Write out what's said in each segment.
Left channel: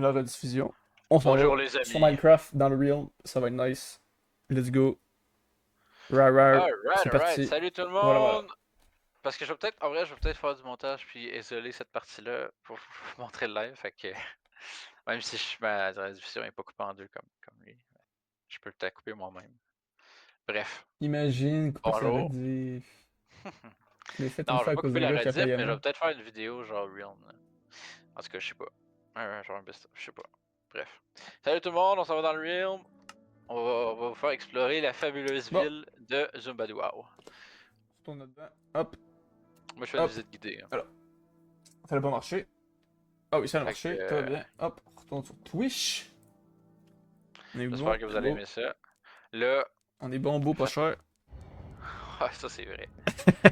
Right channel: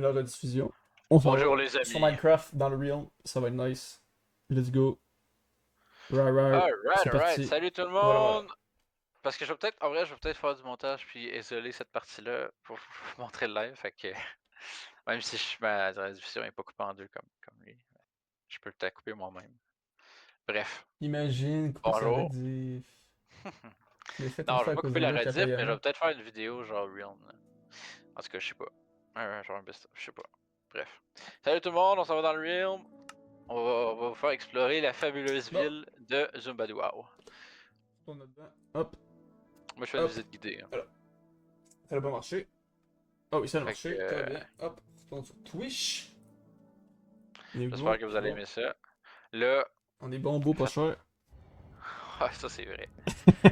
la rediffusion. On s'en va Bonjour les sur amis. Minecraft dans le Realm. Ça va être nice. Let's go. Rar, rar. C'est Alright. parti. Salut tout le Voilà, voilà. monde. Parce que je vais peut-être, en vrai, je vais peut-être faire du montage puis isoler cette partie-là pour vous montrer le live. Fait que, même si ma diffusion est pas coupée en deux comme lui, je peux peut-être couper moi-même. Bref, Imagine couper sa bonjour. rediff. Je l'ai fait une Non, je fois vais à pas cause couper d'un la gars qui a rediff, payé mais je vais rien. peut-être faire une vidéo genre real. En tout cas, je sais pas. Genre un best je sais pas. Bref. Salut tout le monde, on s'en va dans le realm. On va vous faire explorer la fabuleuse Bon, ville de Zumbadouao. on tourne dedans. Hop, Moi, je fais une hop. visite guidée, hein. Alors, ça n'a pas marché. Ah oui, ça a Fait que, marché. Très bien. Hop, on retourne sur Twitch. On est bon, j'espère que vous allez aimer ça. Là, on est bon, beau, pas faites... cher. Ah, ça c'est vrai.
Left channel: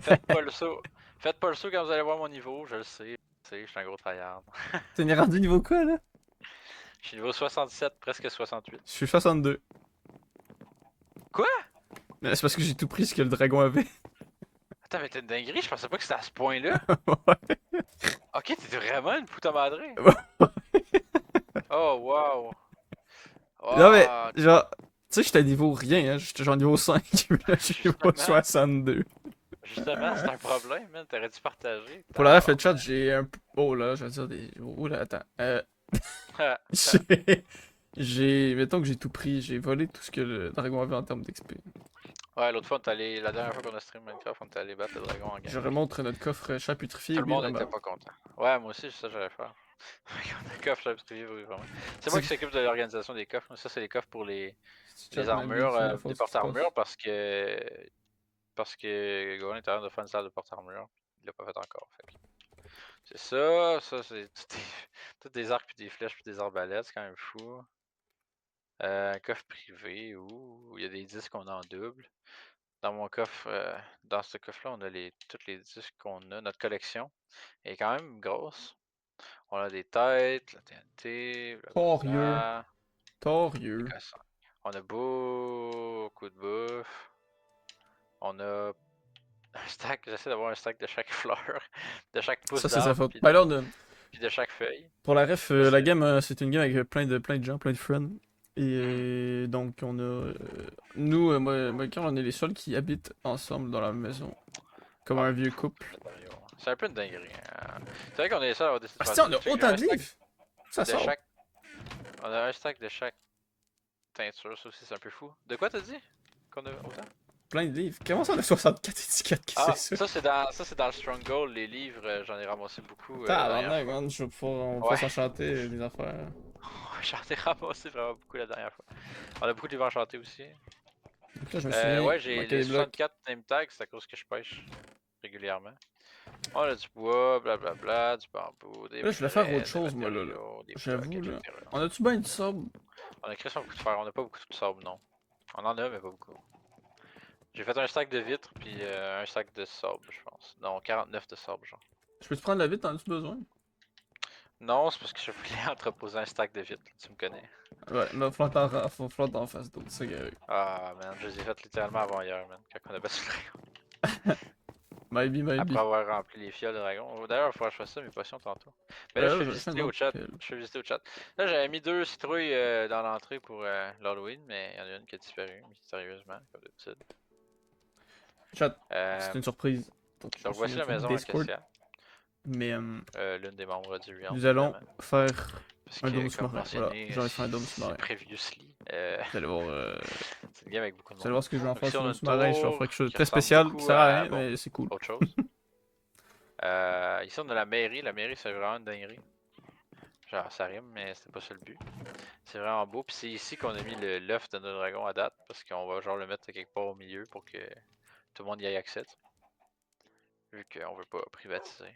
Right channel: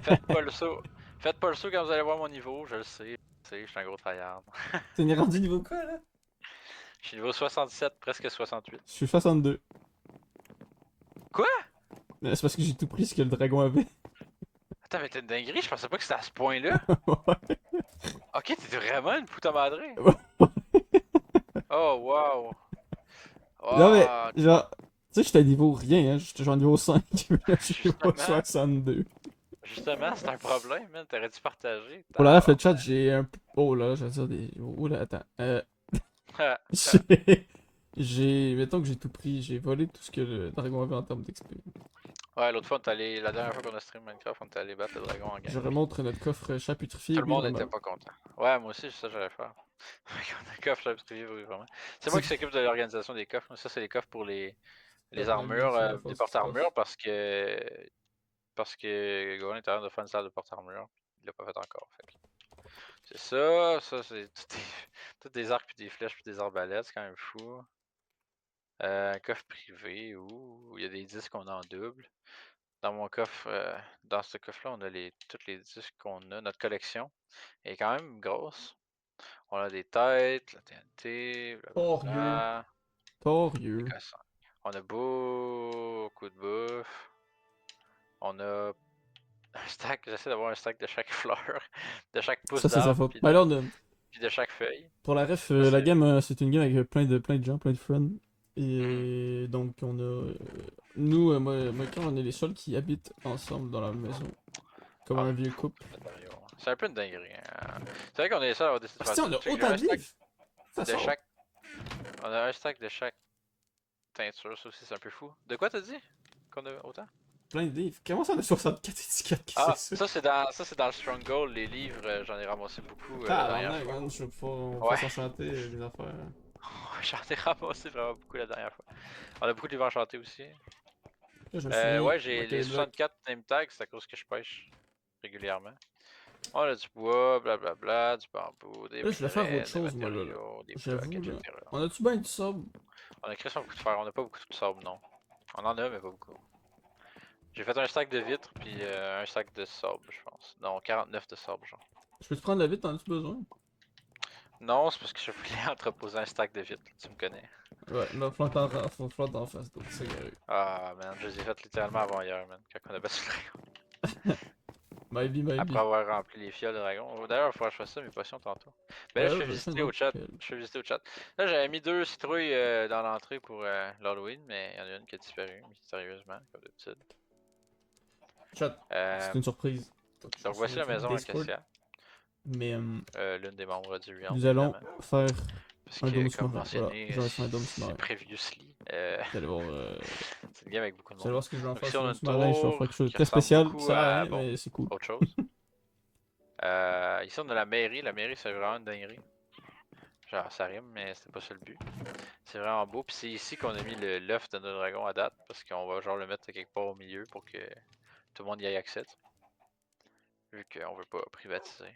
Faites pas le saut. Faites pas le saut quand vous allez voir mon niveau, je le sais. Je suis un gros tryhard. T'es rendu niveau quoi là? Je suis niveau 67, presque 68. Je suis 62. Quoi? Mais c'est parce que j'ai tout pris ce que le dragon avait. Attends, mais t'es une dinguerie, je pensais pas que c'était à ce point-là. Ouais. Ok, t'es vraiment une puta madrée. Oh, wow. Non mais, Wow. genre, tu sais, j'étais à niveau rien, hein. J'étais genre niveau 5, là, je suis niveau Justement, 62. justement, c'est un problème, man. T'aurais dû partager. Pour la ref, le chat, Tabarnak. j'ai un. Oh là, je vais dire des. Oh là, attends. J'ai. Mettons que j'ai tout pris, j'ai volé tout ce que le dragon avait en termes d'XP. Ouais, l'autre fois, on est allé. La dernière fois qu'on a stream Minecraft, on est allé battre le dragon en Je game. remontre notre coffre chat putrifié, Tout le oui, monde maman. était pas content. Ouais, moi aussi, c'est ça que j'allais faire. On a coffre, j'avais privé, oui, vraiment. C'est moi C'est qui s'occupe de l'organisation des coffres. Ça, c'est les coffres pour chat les mal dit, armures, fais gaffe à des ce qui se passe. porte-armures, parce que Gohan est en train de faire une salle de porte-armure. Il l'a pas fait encore. Fait que c'est ça. Ça, c'est tout des arcs, puis des flèches, puis des arbalètes. C'est quand même fou. Un coffre privé, où il y a des disques qu'on a en double. Dans mon coffre, dans ce coffre-là, on a tous les disques qu'on a. Notre collection est quand même grosse. On a des têtes, la TNT, Torieux. blablabla. Des Torieux. cossins. On a beaucoup de bouffe. On a un stack, j'essaie d'avoir un stack de chaque fleur, de chaque pouce Ça, c'est sa d'arbre, faute. puis Ben de, là, puis de chaque feuille. pour la ref, Ça, la c'est. game, c'est une game avec plein de gens, plein de friends. Et Mhm. donc, on a. Nous, moi et Carl, on est les seuls qui habitent ensemble dans la maison. Comme Ah, on un est vieux beaucoup, couple. Mario. C'est un peu une dinguerie, hein. C'est vrai qu'on est ça à avoir décidé de Ah, faire si, ça. on a Check, j'ai autant un de stack livres! Ça de sort. chaque. On a un stack de chaque teinture, ça aussi c'est un peu fou. De quoi t'as dit? Qu'on a autant? Plein de livres. Comment ça, on a 64 étiquettes? Qu'est-ce que Ah, c'est ça? ça c'est dans le Stronghold, les livres, j'en ai ramassé beaucoup la dernière Tabarnak, fois. man, on va pouvoir Ouais, s'enchanter des affaires. j'en ai ramassé vraiment beaucoup la dernière fois. On a beaucoup de livres enchantés aussi. Donc là, je me souviens. Ouais, j'ai Ok, les les blocs. 64 name tags, c'est à cause que je pêche régulièrement. On a du bois, blablabla, du bambou, des Là, je voulais faire autre minerais, des chose, moi, là. matériaux, des blocs, J'avoue, là. etc. On a-tu bien du sable? On a créé son beaucoup de fer, on a pas beaucoup de sable, non. On en a, mais pas beaucoup. J'ai fait un stack de vitres, puis un stack de sable, je pense. Non, 49 de sable, genre. Je peux te prendre la vite, t'en as-tu besoin? Non, c'est parce que je voulais entreposer un stack de vitres, tu me connais. Ouais, mais faut falloir t'en face d'autres, c'est correct. Ah, man, je les ai faites littéralement avant hier, man, quand on a battu le dragon. Maybe, Après maybe. avoir rempli les fioles de dragon. D'ailleurs, il faudra que je fasse ça, mes potions, tantôt. Mais là, Ben je là, fais je le fais visiter au n'importe chat. quel. Je fais visiter au chat. Là, j'avais mis 2 citrouilles dans l'entrée pour l'Halloween, mais il y en a une qui a disparu, mystérieusement, comme d'habitude. Chat, Euh, c'est une surprise. Donc, je donc, suis voici dans la une maison Discord. Acacia. Mais L'une des membres du Realm, nous allons évidemment. faire Parce un que, dôme comme sous-marin. Voilà, mentionné, j'aurais fait un dôme c'est sous-marin. previously. Vous allez voir, C'est une game avec beaucoup de vous allez monde. voir ce que je vais en Donc, faire ici, sur on le a dôme une sous-marin. Je vais tour faire quelque chose de qui très ressemble spécial. Ça beaucoup sert à à, rien, bon, mais c'est cool. autre chose. Ici, on a la mairie. La mairie, c'est vraiment une dinguerie. Genre, ça rime, mais c'était pas ça le but. C'est vraiment beau. Puis c'est ici qu'on a mis l'œuf de notre dragon à date. Parce qu'on va genre le mettre quelque part au milieu pour que tout le monde y ait accès. Vu qu'on veut pas privatiser.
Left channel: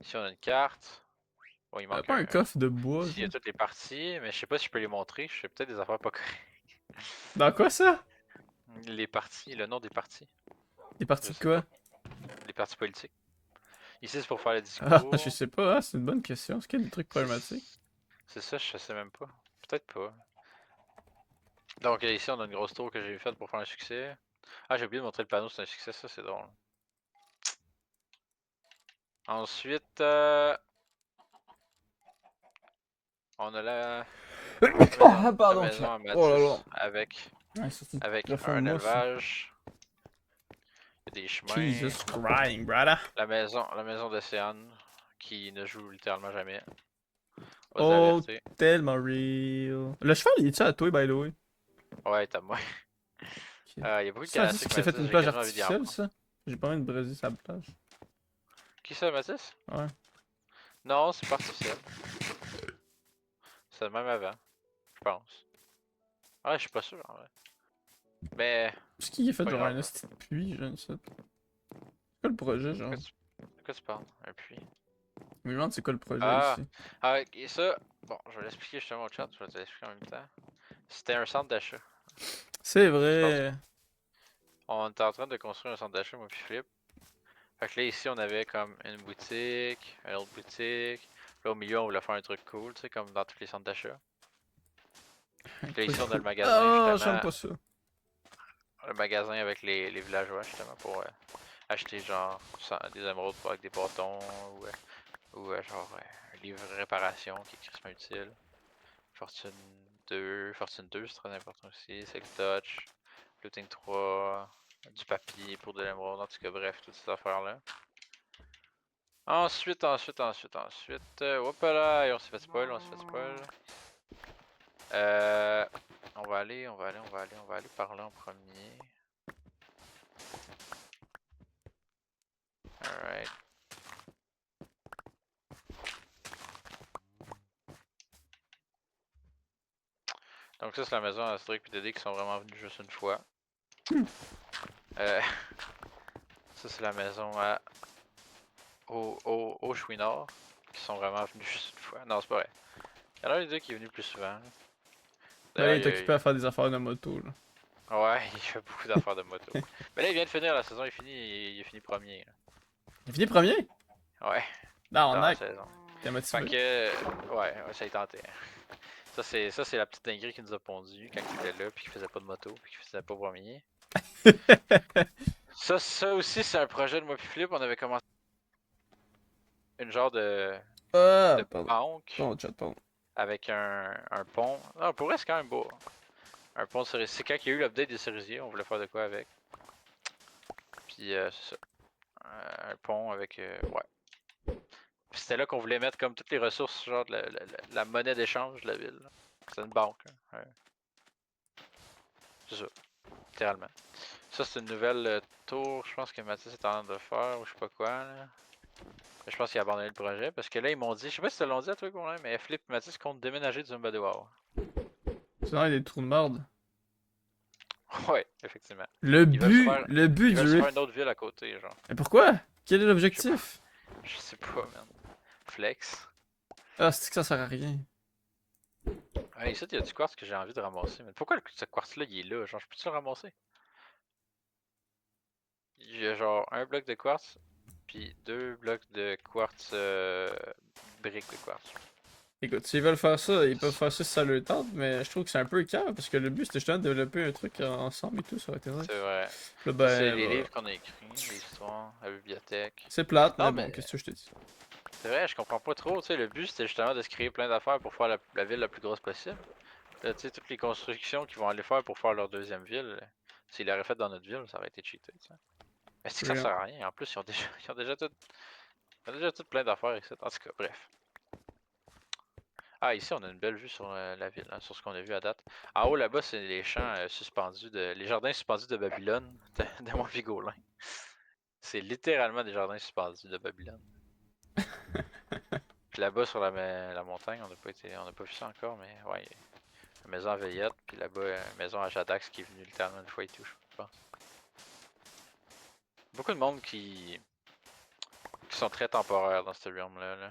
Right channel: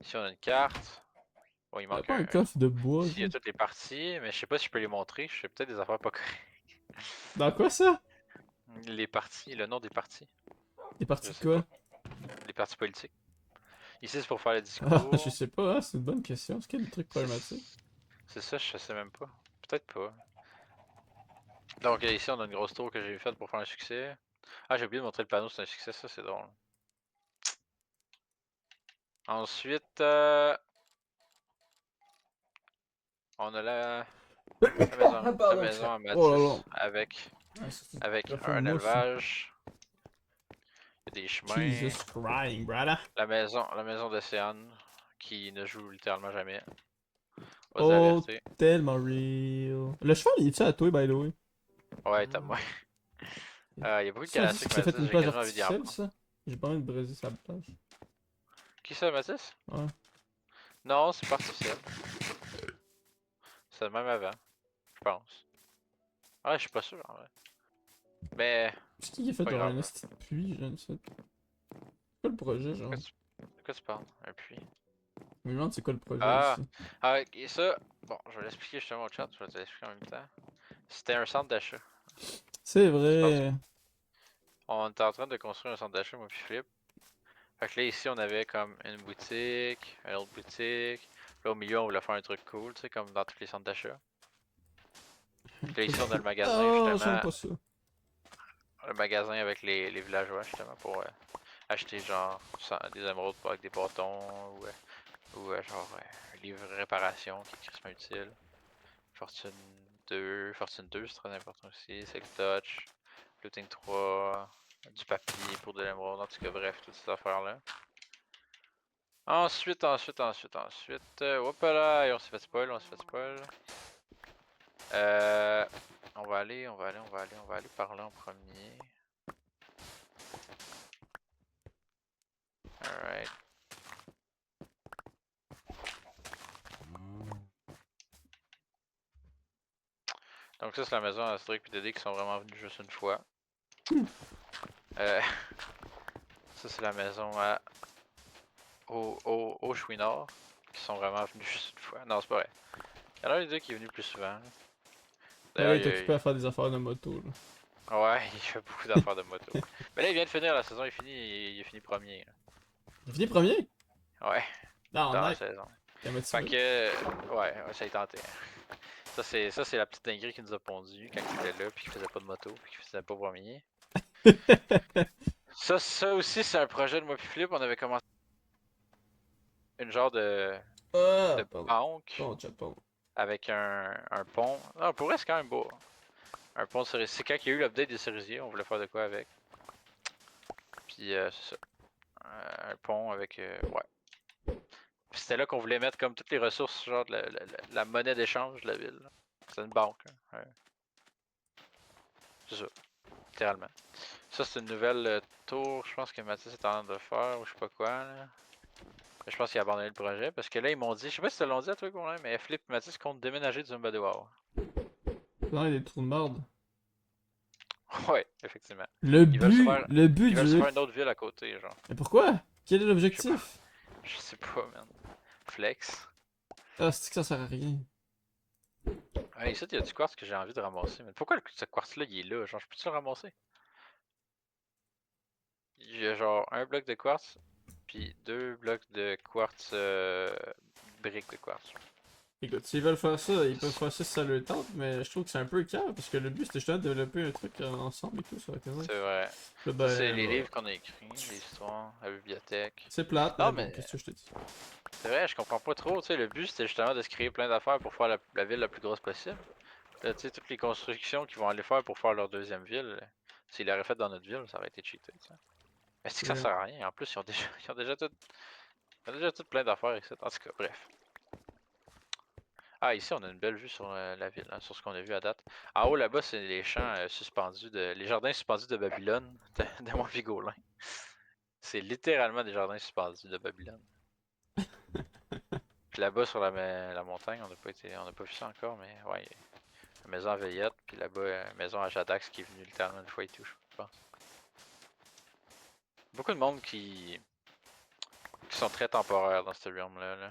Ici, on a une carte. Bon, il T'as manque pas un un coffre trou. de bois, Ici, il ça? y a toutes les parties. Mais je sais pas si je peux les montrer. Je fais peut-être des affaires pas correctes. Dans quoi ça? Les parties, le nom des parties. Des Je parties de sais pas. quoi? Les parties politiques. Ici, c'est pour faire le Ah, je discours. sais pas, c'est une bonne question. Est-ce qu'il y a des trucs C'est problématiques? c'est ça, je sais même pas. Peut-être pas. Donc ici, on a une grosse tour que j'ai faite pour faire un succès. Ah, j'ai oublié de montrer le panneau, c'est un succès, ça c'est drôle. Ensuite, On a la Ah, la pardon, maison à oh là là. Matisse avec, Ouais, ça, c'est avec très un fameux, ça. élevage, il y a des chemins, Jesus Christ, brother. la maison d'Océane qui ne joue littéralement jamais. On va se Oh, avertir. tellement real. Le cheval, il est-tu à toi, by the way? Ouais, t'as moi. Ok. Il y a beaucoup de Ça, cannes à dit que sucre c'est fait Matisse, une j'ai plage quasiment envie d'y en artificielle, prendre. ça? J'ai pas envie de braiser sa plage. Qui ça, Matisse? Ouais. Non, c'est pas artificiel. C'est le même avant, je pense. Ouais, je suis pas sûr en vrai. Mais, Est-ce qu'il est fait pas genre un grave là. esti de puits, je ne sais pas. C'est quoi le projet, genre? De quoi tu parles? Un puits? Je me demande c'est quoi le projet Ah! ici. Ah, et ça, bon, je vais l'expliquer justement au chat, je vais te l'expliquer en même temps. C'était un centre d'achat. C'est Je pense vrai. qu'on était en train de construire un centre d'achat, moi puis Philippe. Fait que là, ici, on avait comme une boutique, une autre boutique. Là, au milieu, on voulait faire un truc cool, tu sais, comme dans tous les centres d'achat. Puis là, ici, on a le magasin, Ah, j'aime justement. pas ça. Le magasin avec les villageois, justement, pour acheter, genre, des émeraudes avec des bâtons, ou genre, un livre de réparation qui est crissement utile. Fortune 2, Fortune 2, c'est très important aussi. Silk Touch, Looting 3, du papier pour de l'émeraude, en tout cas, bref, toutes ces affaires-là. Ensuite, hop là, et on s'est fait spoil, on s'est fait spoil. On va aller par là en premier. Alright. Donc ça, c'est la maison à Asterix et Dédé qui sont vraiment venus juste une fois. Euh, ça, c'est la maison au Chouinard qui sont vraiment venus juste une fois. Non, c'est pas vrai. Il y en a un des deux qui est venu plus souvent. D'ailleurs, Ouais, il est occupé à faire des affaires de moto, là. Ouais, il fait beaucoup d'affaires de moto. Mais là, il vient de finir la saison, il est fini premier. Il finit premier? Là. Ouais, Non, dans la nac. saison. Il a Fait motivé. que, ouais, ça a tenté. Ça c'est la petite dinguerie qui nous a pondu quand il était là, puis qu'il faisait pas de moto, puis qu'il faisait pas premier. Ça aussi, c'est un projet de moi puis Philippe. On avait commencé une genre Ah, de pardon. banque Ton chat, pardon. avec un pont. Non, pour vrai, c'est quand même beau. Un pont de cerisier. C'est quand il y a eu l'update des cerisiers, on voulait faire de quoi avec. Puis c'est ça. Un pont avec. Ouais. Puis c'était là qu'on voulait mettre comme toutes les ressources, genre de la monnaie d'échange de la ville. C'est une banque. Hein. Ouais. C'est ça, littéralement. Ça, c'est une nouvelle tour, je pense que Mathis est en train de faire, ou je sais pas quoi. Là. Je pense qu'il a abandonné le projet, parce que là, ils m'ont dit, je sais pas si te l'ont dit à toi, Colin, mais Flip et Mathis comptent déménager du Zumba de WoW. C'est vrai, il y a des trous de merde. Ouais, effectivement. Le but, le but Ils du veulent se faire riff. une autre ville à côté, genre. Mais pourquoi? Quel est Je sais pas, l'objectif? je sais pas, man. Flex. Ah, c'est que ça sert à rien. Ah, ici, il y a du quartz que j'ai envie de ramasser, mais pourquoi ce quartz-là, il est là? Genre, je peux-tu le ramasser? Il y a genre un bloc de quartz, puis deux blocs de quartz, briques de quartz. Écoute, s'ils veulent faire ça, ils peuvent faire ça si ça leur tente, mais je trouve que c'est un peu écœurant parce que le but c'était justement de développer un truc ensemble et tout, ça aurait été vrai. C'est vrai. Là, Ça, c'est ben, les bah, livres qu'on a écrits, l'histoire, la bibliothèque. c'est plate, Non, mais bon, mais qu'est-ce que je te dis? c'est vrai, je comprends pas trop. Tu sais, le but c'était justement de se créer plein d'affaires pour faire la ville la plus grosse possible. Là, tu sais, toutes les constructions qu'ils vont aller faire pour faire leur deuxième ville, s'ils l'auraient fait dans notre ville, ça aurait été cheaté. Tu sais. Mais c'est que ça Real. sert à rien. En plus, ils ont déjà tout plein d'affaires ici. En tout cas, bref. Ah, ici, on a une belle vue sur la ville, hein, sur ce qu'on a vu à date. En haut, là-bas, c'est les champs suspendus les jardins suspendus de Babylone, de mon Vigolin. C'est littéralement des jardins suspendus de Babylone. Puis là-bas, sur la montagne, on n'a pas vu ça encore, mais ouais, y a une maison à Veillette, puis là-bas, une maison à Jadax qui est venue littéralement une fois et tout, je pense. Beaucoup de monde qui sont très temporaires dans ce realm-là. Là.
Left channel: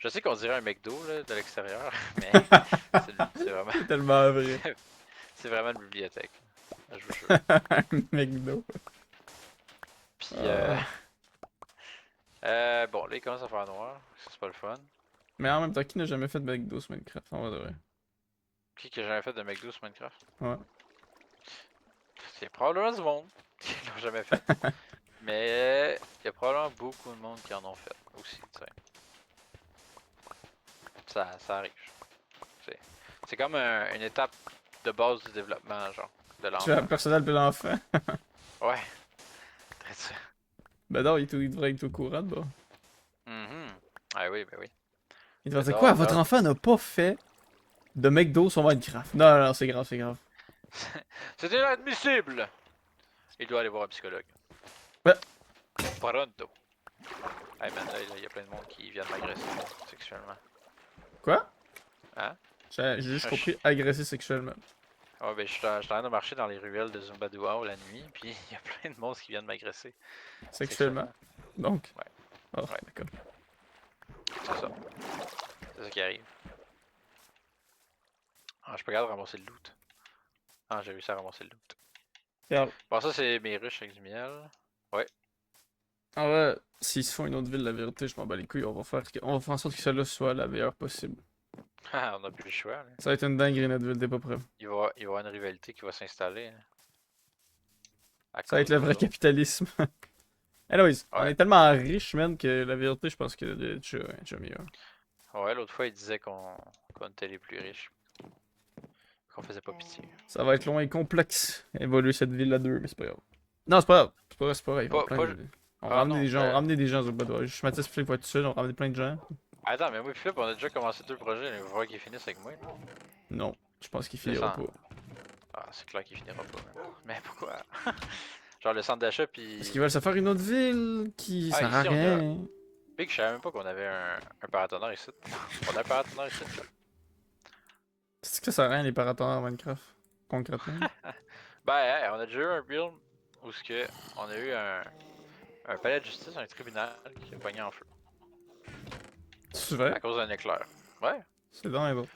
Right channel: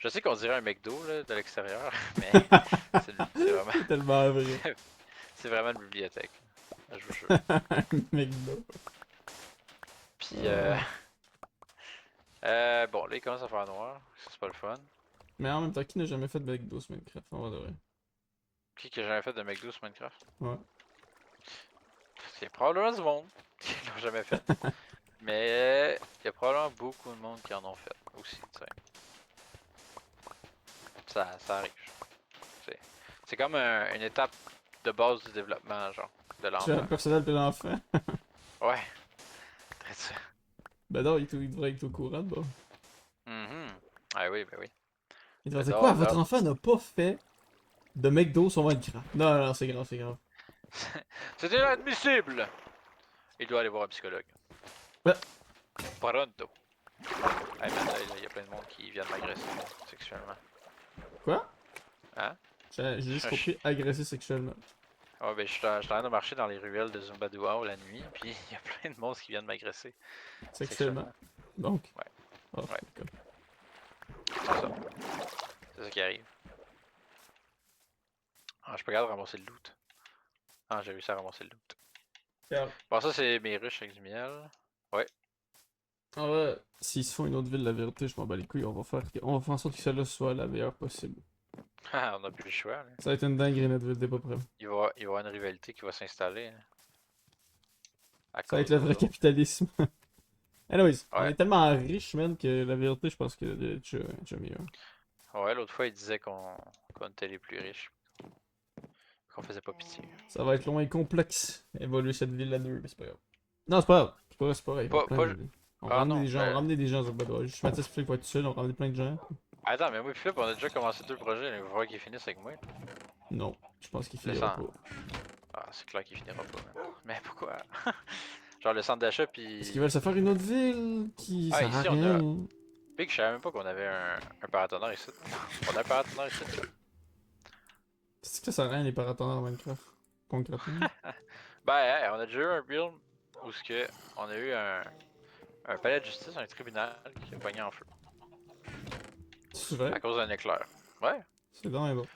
Je sais qu'on dirait un McDo là, de l'extérieur, mais c'est vraiment, C'est tellement vrai. c'est vraiment une bibliothèque. Je vous jure. McDo. Puis, Ah. bon, là, il commence à faire noir. Ça, c'est pas le fun. Mais en même temps, qui n'a jamais fait de McDo sur Minecraft? On va de vrai. Qui a jamais fait de McDo sur Minecraft? Ouais. C'est probablement du monde qui l'ont jamais fait. Mais il y a probablement beaucoup de monde qui en ont fait aussi, tu sais. Ça arrive. C'est comme une étape de base du développement, genre, de Tu fais la l'enfant. personnelle de l'enfant. Ouais, très ça. Ben non, il devrait être au courant, bah. Mhm. Ah oui, ben oui. Il devrait dire quoi? Là, Votre là, enfant n'a pas fait de McDo sur Minecraft. Non, non, non, c'est grave, c'est grave. c'est inadmissible! Il doit aller voir un psychologue. Ouais. Pronto. Hey man, là, il y a plein de monde qui vient de m'agresser sexuellement. Quoi? Hein? J'ai juste compris agresser sexuellement. Ouais, ben, je suis en train de marcher dans les ruelles de Zumbadouao la nuit, puis il y a plein de monde qui viennent m'agresser Sexuellement. sexuellement. Donc. Ouais. Ah, Ouais. d'accord. C'est ça. C'est ça qui arrive. Ah, je peux regarder ramasser le loot. Ah, j'ai réussi à ramasser le loot. Regarde. Bon, ça, c'est mes ruches avec du miel. Ouais. En vrai, s'ils se font une autre ville, la vérité, je m'en bats les couilles. On va faire en sorte que celle-là soit la meilleure possible. Ah, on a plus le choix, là. Ça va être une dinguerie notre ville, t'es pas prêt. Il va y avoir une rivalité qui va s'installer, hein, à Ça va cause être le des vrai autres. capitalisme. Anyways, on Ouais. est tellement riches, man, que la vérité, je pense que c'est déjà mieux. Ouais, l'autre fois, il disait qu'on était les plus riches. Qu'on faisait pas pitié. Ça va être long et complexe, évoluer cette ville à deux, mais c'est pas grave. Non, c'est pas grave. C'est pas grave, il va y avoir Pas, plein pas... de... On va Ah ramener non, des gens, ben... ramener des gens au Badois. Juste Mathis Flip va être tout seul, on va ramener plein de gens. Attends, mais moi et Philippe, on a déjà commencé 2 projets, il va falloir qu'ils finissent avec moi. Non, je pense qu'il Le finira centre... pas. Ah, c'est clair qu'il finira pas, man. Mais pourquoi? Genre le centre d'achat, Parce qu'ils puis... veulent se faire une autre ville qui Ah, sert à ici, on a... rien. Big, je savais même pas qu'on avait un paratonnerre ici. On a un paratonnerre ici, là. C'est que ça sert à rien les paratonnerres en Minecraft, concrètement. Ben, hey, on a déjà eu un build où ce que on a eu un palais de justice, un tribunal qui a pogné en feu C'est vrai? à cause d'un éclair. Ouais, C'est dingue, bon.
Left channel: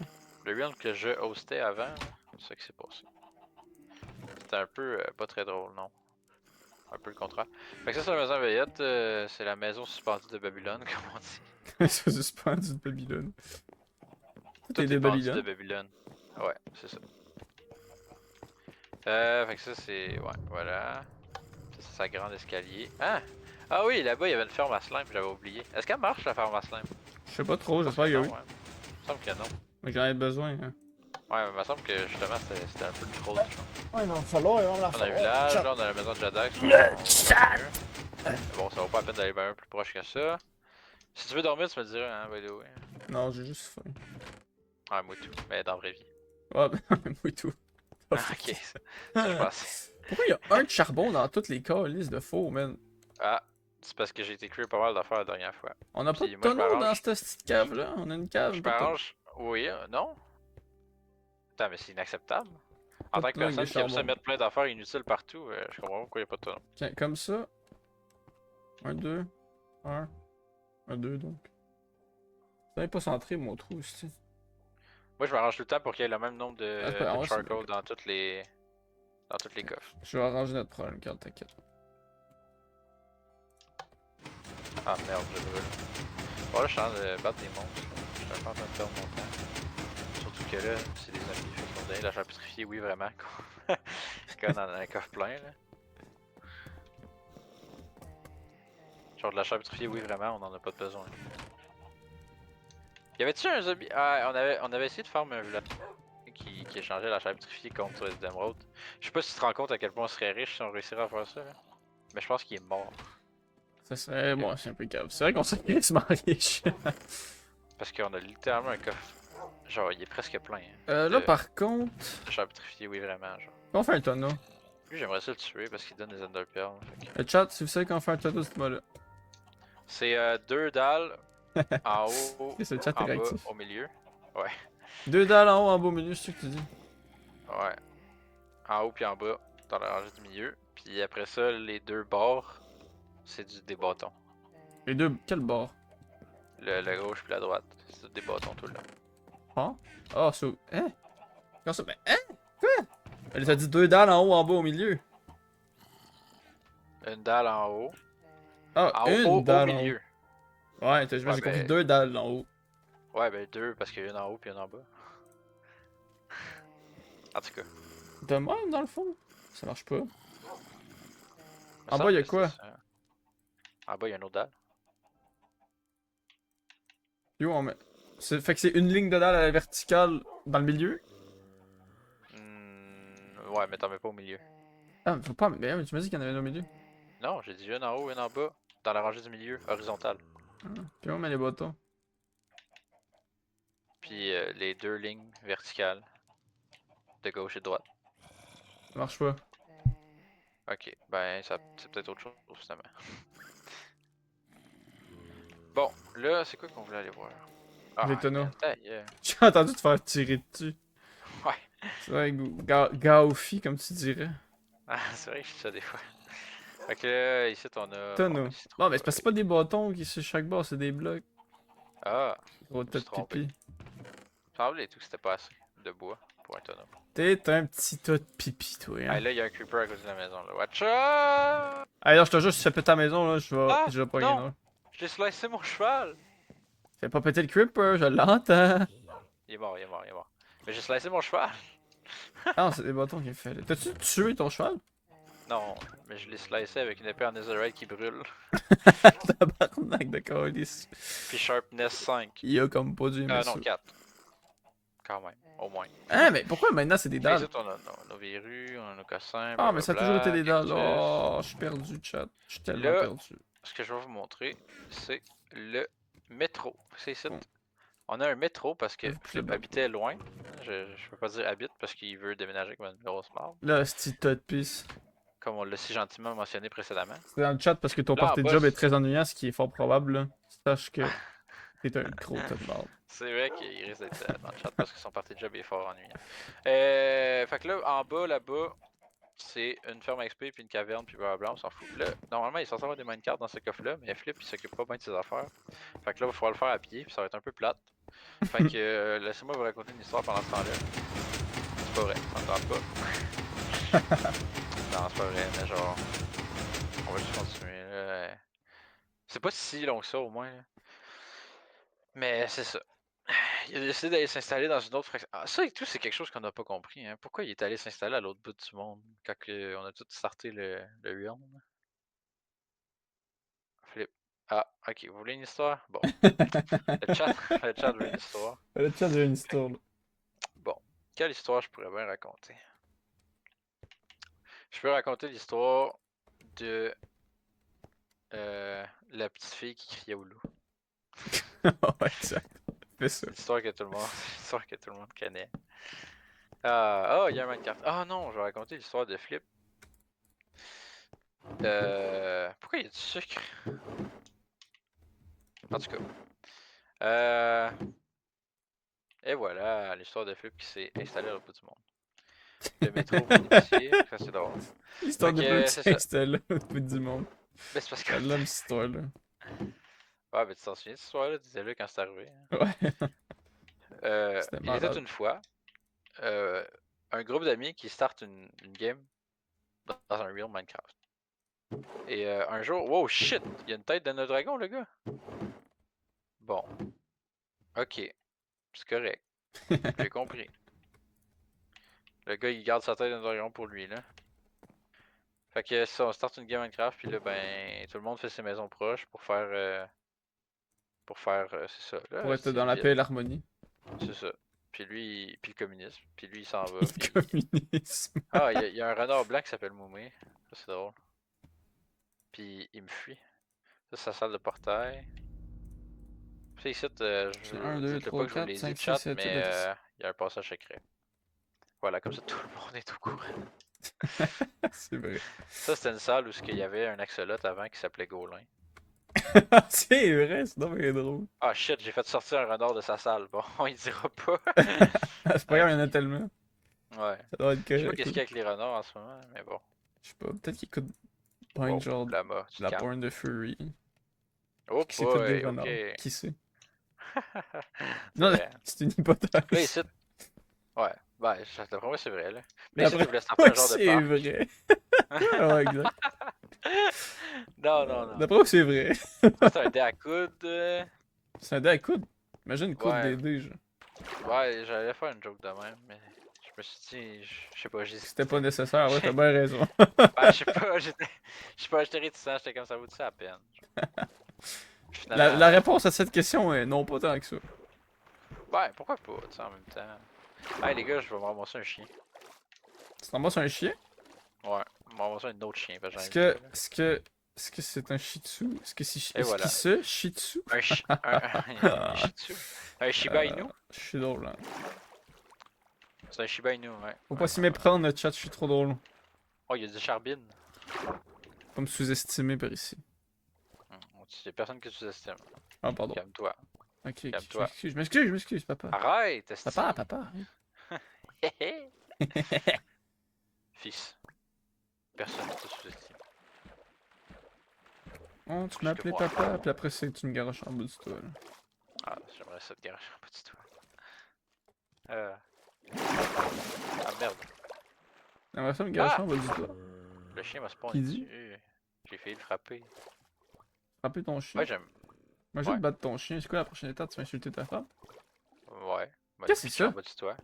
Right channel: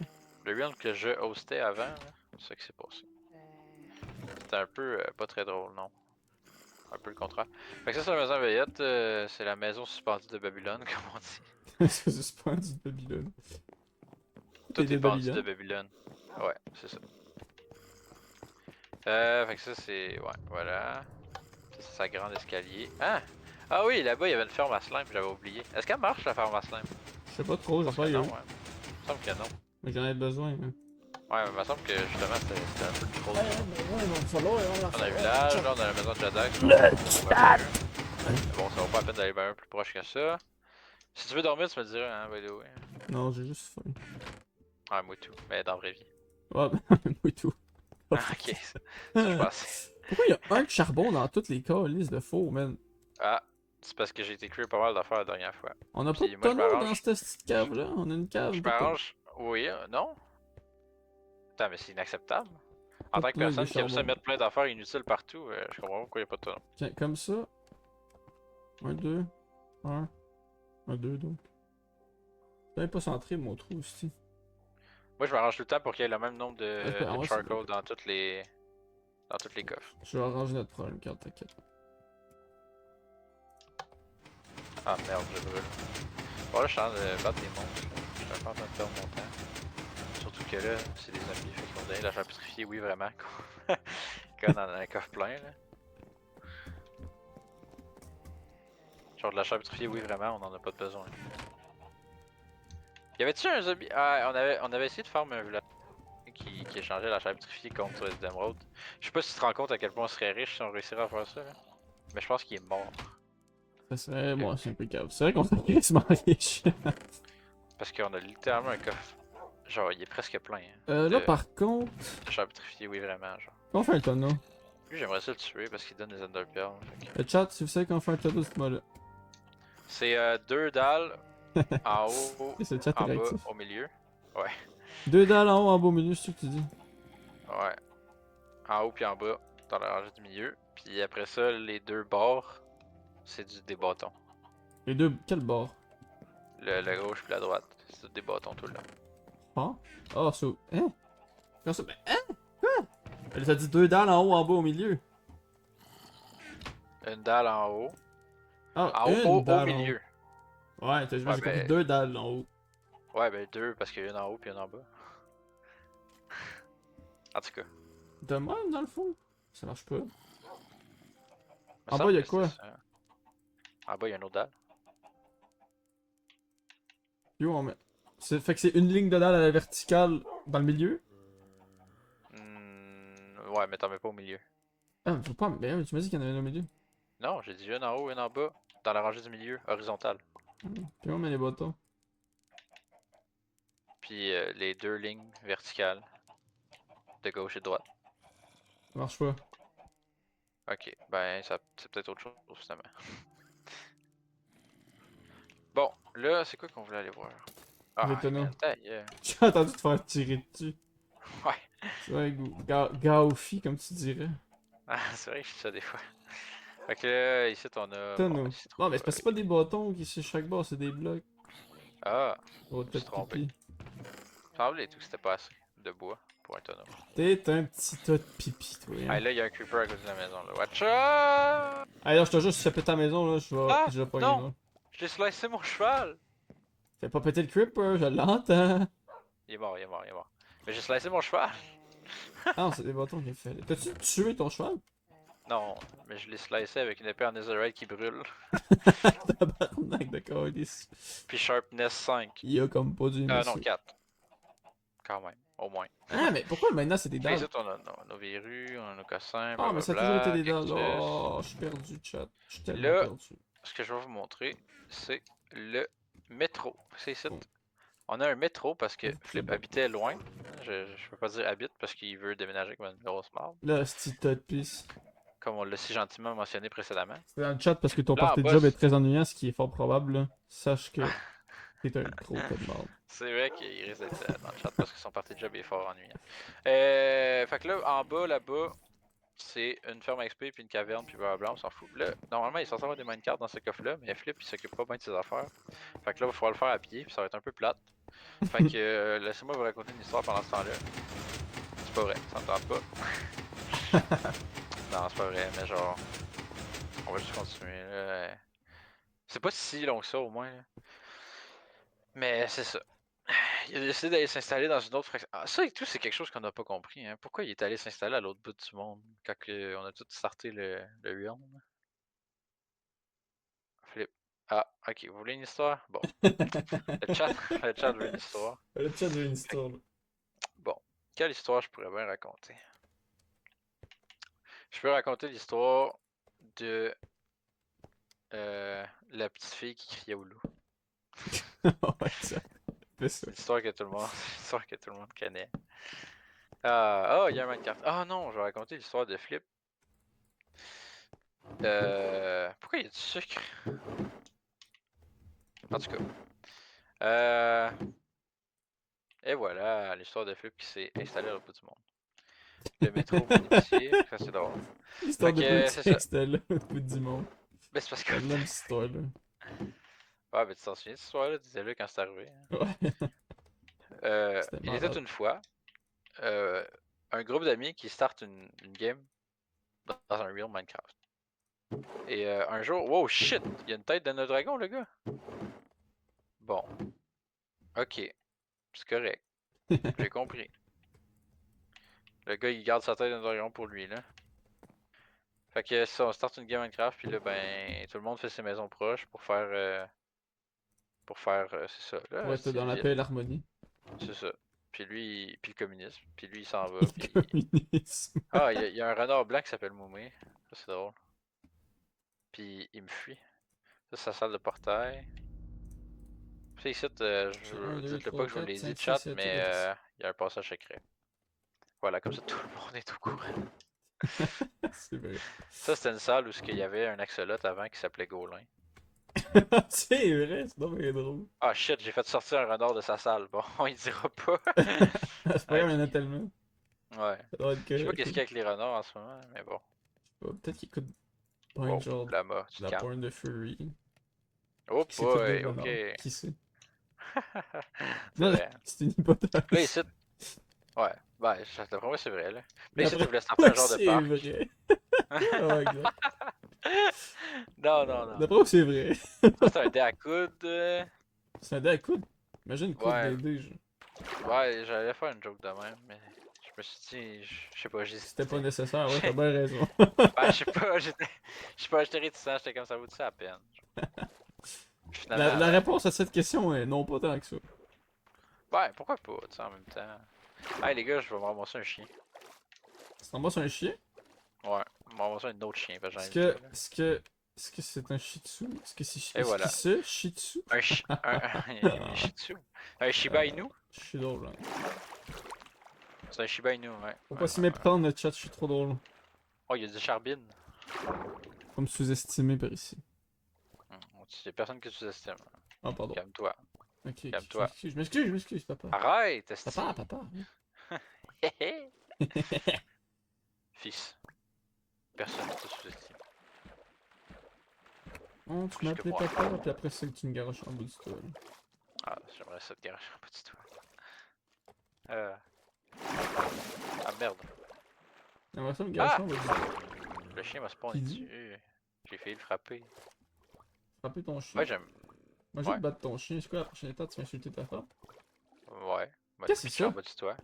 le build que je hostais avant, là, c'est ça qui s'est passé. C'était un peu pas très drôle, non. Un peu le contraire. Fait que ça, c'est la maison veillette, c'est la maison suspendue de Babylone, comme on dit. C'est suspendu de Babylone. Tout est Tout de est pendu de Babylone. Babylone. Ouais, c'est ça. Fait que ça, c'est. Ouais, voilà. Ça, c'est sa grande escalier. Ah! Ah oui, là-bas, il y avait une ferme à slime, j'avais oublié. Est-ce qu'elle marche, la ferme à slime? Je sais pas trop, Je pense j'espère que qu'il y a non, eu. ouais. Il me semble que non. Mais j'en ai besoin, hein. Ouais, mais il me semble que justement, c'était un peu trop. Ouais, il va falloir, On a le village, là, on a la maison de Jadax. Bon, ça vaut pas la peine d'aller bien plus proche que ça. Si tu veux dormir, tu me dirais, hein, by the way. Non, j'ai juste faim. Ouais, moi tout, mais dans la vraie vie. Ouais, oui, tout. Ah, ok, ça je pensais. Pourquoi il y a un de charbon dans toutes les calices de faux, man? Ah, c'est parce que j'ai été cuire pas mal d'affaires la dernière fois. On a pas Puis de moi, je tonneau dans m'arrange. cette petite cave-là. On a une cave. Je Pas de m'arrange. Oui, non? Attends, mais c'est inacceptable. En tant que plug de personne qui aime ça charbon. mettre plein d'affaires inutiles partout, je comprends pas pourquoi il n'y a pas de tonneau. Tiens, comme ça. Un, deux. Un, deux, donc. C'est pas centré, mon trou, aussi. Moi, je m'arrange tout le temps pour qu'il y ait le même nombre Ah, de ouais, charcoal dans toutes les coffres. Je vais arranger notre problème, quand t'inquiète. Ah merde, je brûle. Bon, là, je suis en train de battre des monstres. Là. Je suis un peu en train de perdre mon temps. Surtout que là, c'est des zombies. Fait qu'ils vont donner de l'argent pétrifié, oui, vraiment. Comme dans un coffre plein, là. Genre de l'achat pétrifié, oui, vraiment, on en a pas de besoin. Y avait-tu un zombie? Ah, on avait essayé de faire un village qui échangeait la chair pétrifiée contre des émeraudes. Je sais pas si tu te rends compte à quel point on serait riche si on réussirait à faire ça, là. Mais je pense qu'il est mort. Ça serait. Ok. Bon, c'est un peu cave. C'est vrai qu'on serait quasiment riche. Parce qu'on a littéralement un coffre. Genre, il est presque plein. Hein, Là, par contre. de chair pétrifiée, oui, vraiment, genre. On fait un tonneau. Lui, j'aimerais ça le tuer parce qu'il donne des enderpearls. Le chat, si vous savez qu'on fait un tonneau, dites-moi là. C'est 2 dalles en haut, C'est le chat en bas, réactif. au milieu. Ouais. 2 dalles en haut, en beau milieu, c'est ce que tu dis. Ouais. En haut puis en bas, dans la rangée du milieu. Puis après ça, les 2 bords, c'est des bâtons. Les deux. Quel bord? Le gauche puis la droite, c'est des bâtons tout le long. Hein? Ah, ça. Hein? Comment ça? Mais hein? Quoi? Elle t'a dit 2 dalles en haut, en bas, au milieu. Une dalle en haut. Ah, En une haut, au dalle en milieu. haut. Ouais, j'ai Ouais, compris 2 dalles en haut. Ouais, ben 2 parce qu'il y a une en haut puis une en bas. En tout cas. De même, dans le fond? Ça marche pas. me En semble bas, y a que quoi? c'était ça. En bas, il y a une autre dalle. Yo, on met. Fait que c'est une ligne de dalle à la verticale Dans le milieu? Ouais, mais t'en mets pas au milieu. Ah, mais faut pas, mais tu m'as dit qu'il y en avait un au milieu. Non, j'ai dit une en haut, une en bas. Dans la rangée du milieu, horizontale. Ah, puis on met les bâtons. Puis les deux lignes verticales. De gauche et de droite. Ça marche pas. Ok, ben ça c'est peut-être autre chose finalement. Bon, là, c'est quoi qu'on voulait aller voir? Les Ah, tonneaux. man, ta gueule. J'ai entendu te faire tirer dessus. Ouais, Ouais, Gaofi, comme tu dirais. ah, c'est vrai que je fais ça des fois. Fait que là, ici, on a. Bon, Tonneaux. ici, Non, mais c'est parce que c'est pas des bâtons qui sur chaque bord, c'est des blocs. Ah, Oh, je me t'as suis de trompé. pipi. Il semblait tout que c'était pas assez de bois pour un tonneau. T'es un petit tas de pipi, toi, Ah, hein. là, il y a un creeper à côté de la maison, là. Watch out! Allez, là, je te jure, si tu fais péter ta maison, là, Ah! je vais pas Non! gagner. Je l'ai slicé mon cheval! Fais pas péter le creeper, je l'entends. Il est mort, il est mort, il est mort. Mais j'ai slicé mon cheval! Ah non, c'est des bâtons qu'il fait. Là. T'as-tu tué ton cheval? Non, mais je l'ai slicé avec une épée en netherite qui brûle. Tabarnak de calice. Puis sharpness 5. Il a comme pas dû aimer Ah ça. non, 4. Quand même, au moins. Ah, mais pourquoi maintenant c'est des Puis dalles? ici, on a nos verrues, on a nos cossins, Ah, mais ça a toujours été blablabla, des dalles. cactus. Oh, je suis perdu, chat. Je suis tellement Là, perdu. ce que je vais vous montrer, c'est le métro. C'est ici. On a un métro parce que Flip habitait loin. Je peux pas dire habite parce qu'il veut déménager comme une grosse marde. Là, c'est tas de pisse. Comme on l'a si gentiment mentionné précédemment. C'est dans le chat parce que ton Là, en party de bas, job est très ennuyant, ce qui est fort probable. Là. Sache que t'es un gros tas de marde. c'est vrai qu'il risque d'être dans le chat parce que son party de job est fort ennuyant. Fait que là, en bas, là-bas, c'est une ferme XP puis une caverne puis blablabla, on s'en fout. Là, normalement, il est censé avoir des minecarts dans ce coffre-là, mais Flip, il s'occupe pas bien de ses affaires. Fait que là, il va falloir le faire à pied puis ça va être un peu plate. Fait que laissez-moi vous raconter une histoire pendant ce temps-là. C'est pas vrai, ça me tente pas. Non, c'est pas vrai, mais genre, on va juste continuer là. C'est pas si long que ça au moins. Là. Mais c'est ça. Il a décidé d'aller s'installer dans une autre fraction. Ah, ça et tout, c'est quelque chose qu'on n'a pas compris. Hein. Pourquoi il est allé s'installer à l'autre bout du monde quand on a tout starté le realm? Flip. Ah, ok, vous voulez une histoire? Bon. Le chat, le chat veut une histoire. Le chat veut une histoire. Là. Bon. Quelle histoire je pourrais bien raconter? Je peux raconter l'histoire de la petite fille qui criait au loup. Ouais, ça. Fais ça. C'est une histoire que tout le monde, une histoire que tout le monde connaît. Ah, oh, il y a un Minecraft. Ah non, je vais raconter l'histoire de Flip. Pourquoi il y a du sucre? En tout cas. Et voilà, l'histoire de Flip qui s'est installé au bout du monde. Le métro, mon épicier, ça c'est drôle. L'histoire Fait de que Flip c'est qui ça. s'installe au bout du monde. Mais c'est parce que. C'est de cette histoire là. Ouais, mais tu t'en souviens de cette histoire-là, disais-le quand c'est arrivé. Hein. Ouais. C'était Il était malade. une fois un groupe d'amis qui start une game dans un real Minecraft. Et un jour, wow shit, il y a une tête d'un dragon, le gars. Bon, ok, c'est correct, j'ai compris. Le gars il garde sa tête d'un dragon pour lui là. Fait que ça, on start une game Minecraft, puis là ben tout le monde fait ses maisons proches pour faire c'est ça. Pour Là, être c'est dans une la paix et ville, l'harmonie. c'est ça. Puis lui, puis le communisme, puis lui il s'en va, Le puis communisme. ah il y a un renard blanc qui s'appelle Moumé, ça c'est drôle. Puis il me fuit. Ça c'est sa salle de portail. Puis ici, C'est 1, 2, dites-le pas 3, que je vous 4, l'ai dit 5, de 6, chat, 7, mais 8. il y a un passage secret. Voilà, comme ça tout le monde est au courant. C'est vrai. Ça c'était une salle où il y avait un axolot avant qui s'appelait Golin. C'est vrai, c'est donc bien drôle. Ah shit, j'ai fait sortir un renard de sa salle. Bon, il dira pas. C'est pas grave, il y en a Ok. tellement. Ouais. Ça doit être Je sais pas correct. qu'est-ce qu'il y a avec les renards en ce moment, mais bon. Je sais pas, peut-être qu'il écoute pas Wow, genre de Lama, tu te la calmes. porn de Furry. Oh Qui s'est fait des boy, ok. renards. Qui sait? C'est Non, vrai. c'est une hypothèse. Là ici, ouais, ben, d'après moi c'est vrai là. Là ici, tu D'après voulais starter moi, un genre de c'est parc. vrai. Ouais, exact. Non, non, non. D'après moi, c'est vrai. Ça c'est un dé à coude. C'est un dé à coude. Imagine une coude Ouais, DD, genre. ouais, j'allais faire une joke de même, mais je me suis dit, je sais pas, C'était pas j'hésitais. nécessaire, ouais, t'as bien raison. Ben, je sais pas, j'étais réticent, j'étais comme ça vaut-tu la peine? Finalement, La ben, réponse à cette question est non, pas tant que ça. ouais, pourquoi pas, tu sais, en même temps. Hey les gars, je vais me ramasser un chien. Tu t'en sur un chien? Ouais, je vais me ramasser un autre chien, parce que j'en ai Est-ce vu que. deux, là. Est-ce que c'est un shih tzu? Est-ce que c'est. Et Est-ce qu'il voilà. se shih tzu? Un Shih Tzu. Un Shiba Inu. Je suis drôle, hein. C'est un Shiba Inu, ouais. Faut Ouais, pas s'y ouais, ouais. méprendre, le chat, je suis trop drôle. Oh, il y a du charbine. Faut me sous-estimer par ici. Il y a personne que tu estimes. Ah, pardon. Calme-toi. Ok, je Calme-toi. je m'excuse, papa. Arrête, esti. Papa. Fils. Personne ne te sous-estime. Oh, tu Plus m'as que appelé moi. papa, puis après, c'est tu me garoches en bout du toit, là. Ah, j'aimerais ça te garer un petit toi. Ah merde. J'aimerais ça me garocher Ah! en bout du toit. Le chien m'a spawn Qui dit? dessus. J'ai failli le frapper. Frapper ton chien. Ouais, j'aime. Imagine Ouais. battre ton chien. C'est quoi la prochaine étape? Tu vas insulter ta femme? Ouais. M'a Qu'est-ce que c'est pitché en ça? bas du toit.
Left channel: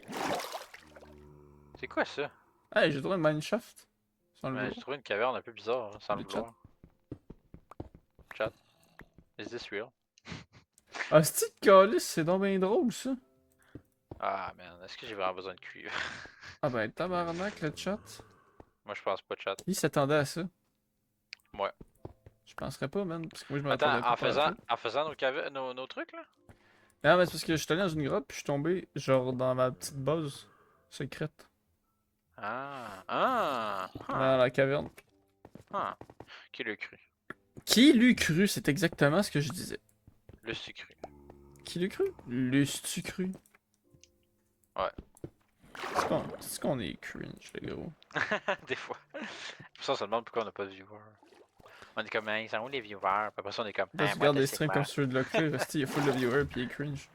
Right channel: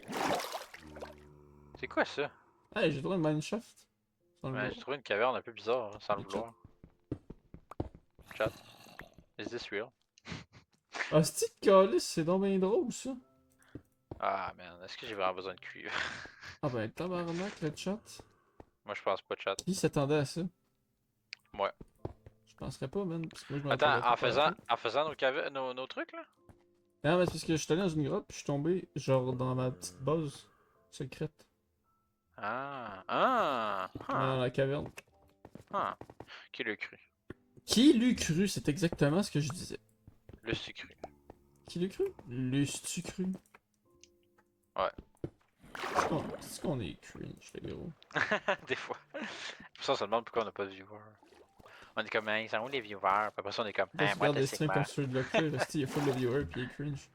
C'est quoi ça? Hey, j'ai trouvé une mineshaft. Sans le Ouais, j'ai vouloir. trouvé une caverne un peu bizarre, hein, sans le Le chat. vouloir. Chat. Is this real? Ah, c'est calice, c'est donc bien drôle, ça. Ah man, est-ce que j'ai vraiment besoin de cuivre? Ah ben, tabarnak, le chat. Moi je pense pas, chat. Qui s'attendait à ça? Ouais. Je penserais pas, man. Parce que moi, je Attends, m'attendais pas par la en faisant nos trucs là? Non, mais c'est parce que je suis allé dans une grotte, puis je suis tombé, genre, dans ma petite base secrète. Ah! Dans la caverne. Qui l'a cru? Qui l'eût cru? C'est exactement ce que je disais. Le sucru. Qui l'eût cru? L'eût-tu cru? Ouais. C'est qu'on est cringe, les gros. Des fois. Pour ça, on se demande pourquoi on n'a pas de viewers. On est comme, hein, ils sont où les viewers? Puis après ça, on est comme, Là, hein, tu moi, regardes t'es des c'est streams comme ceux de Lockfair, il y a full de viewers, puis il est cringe.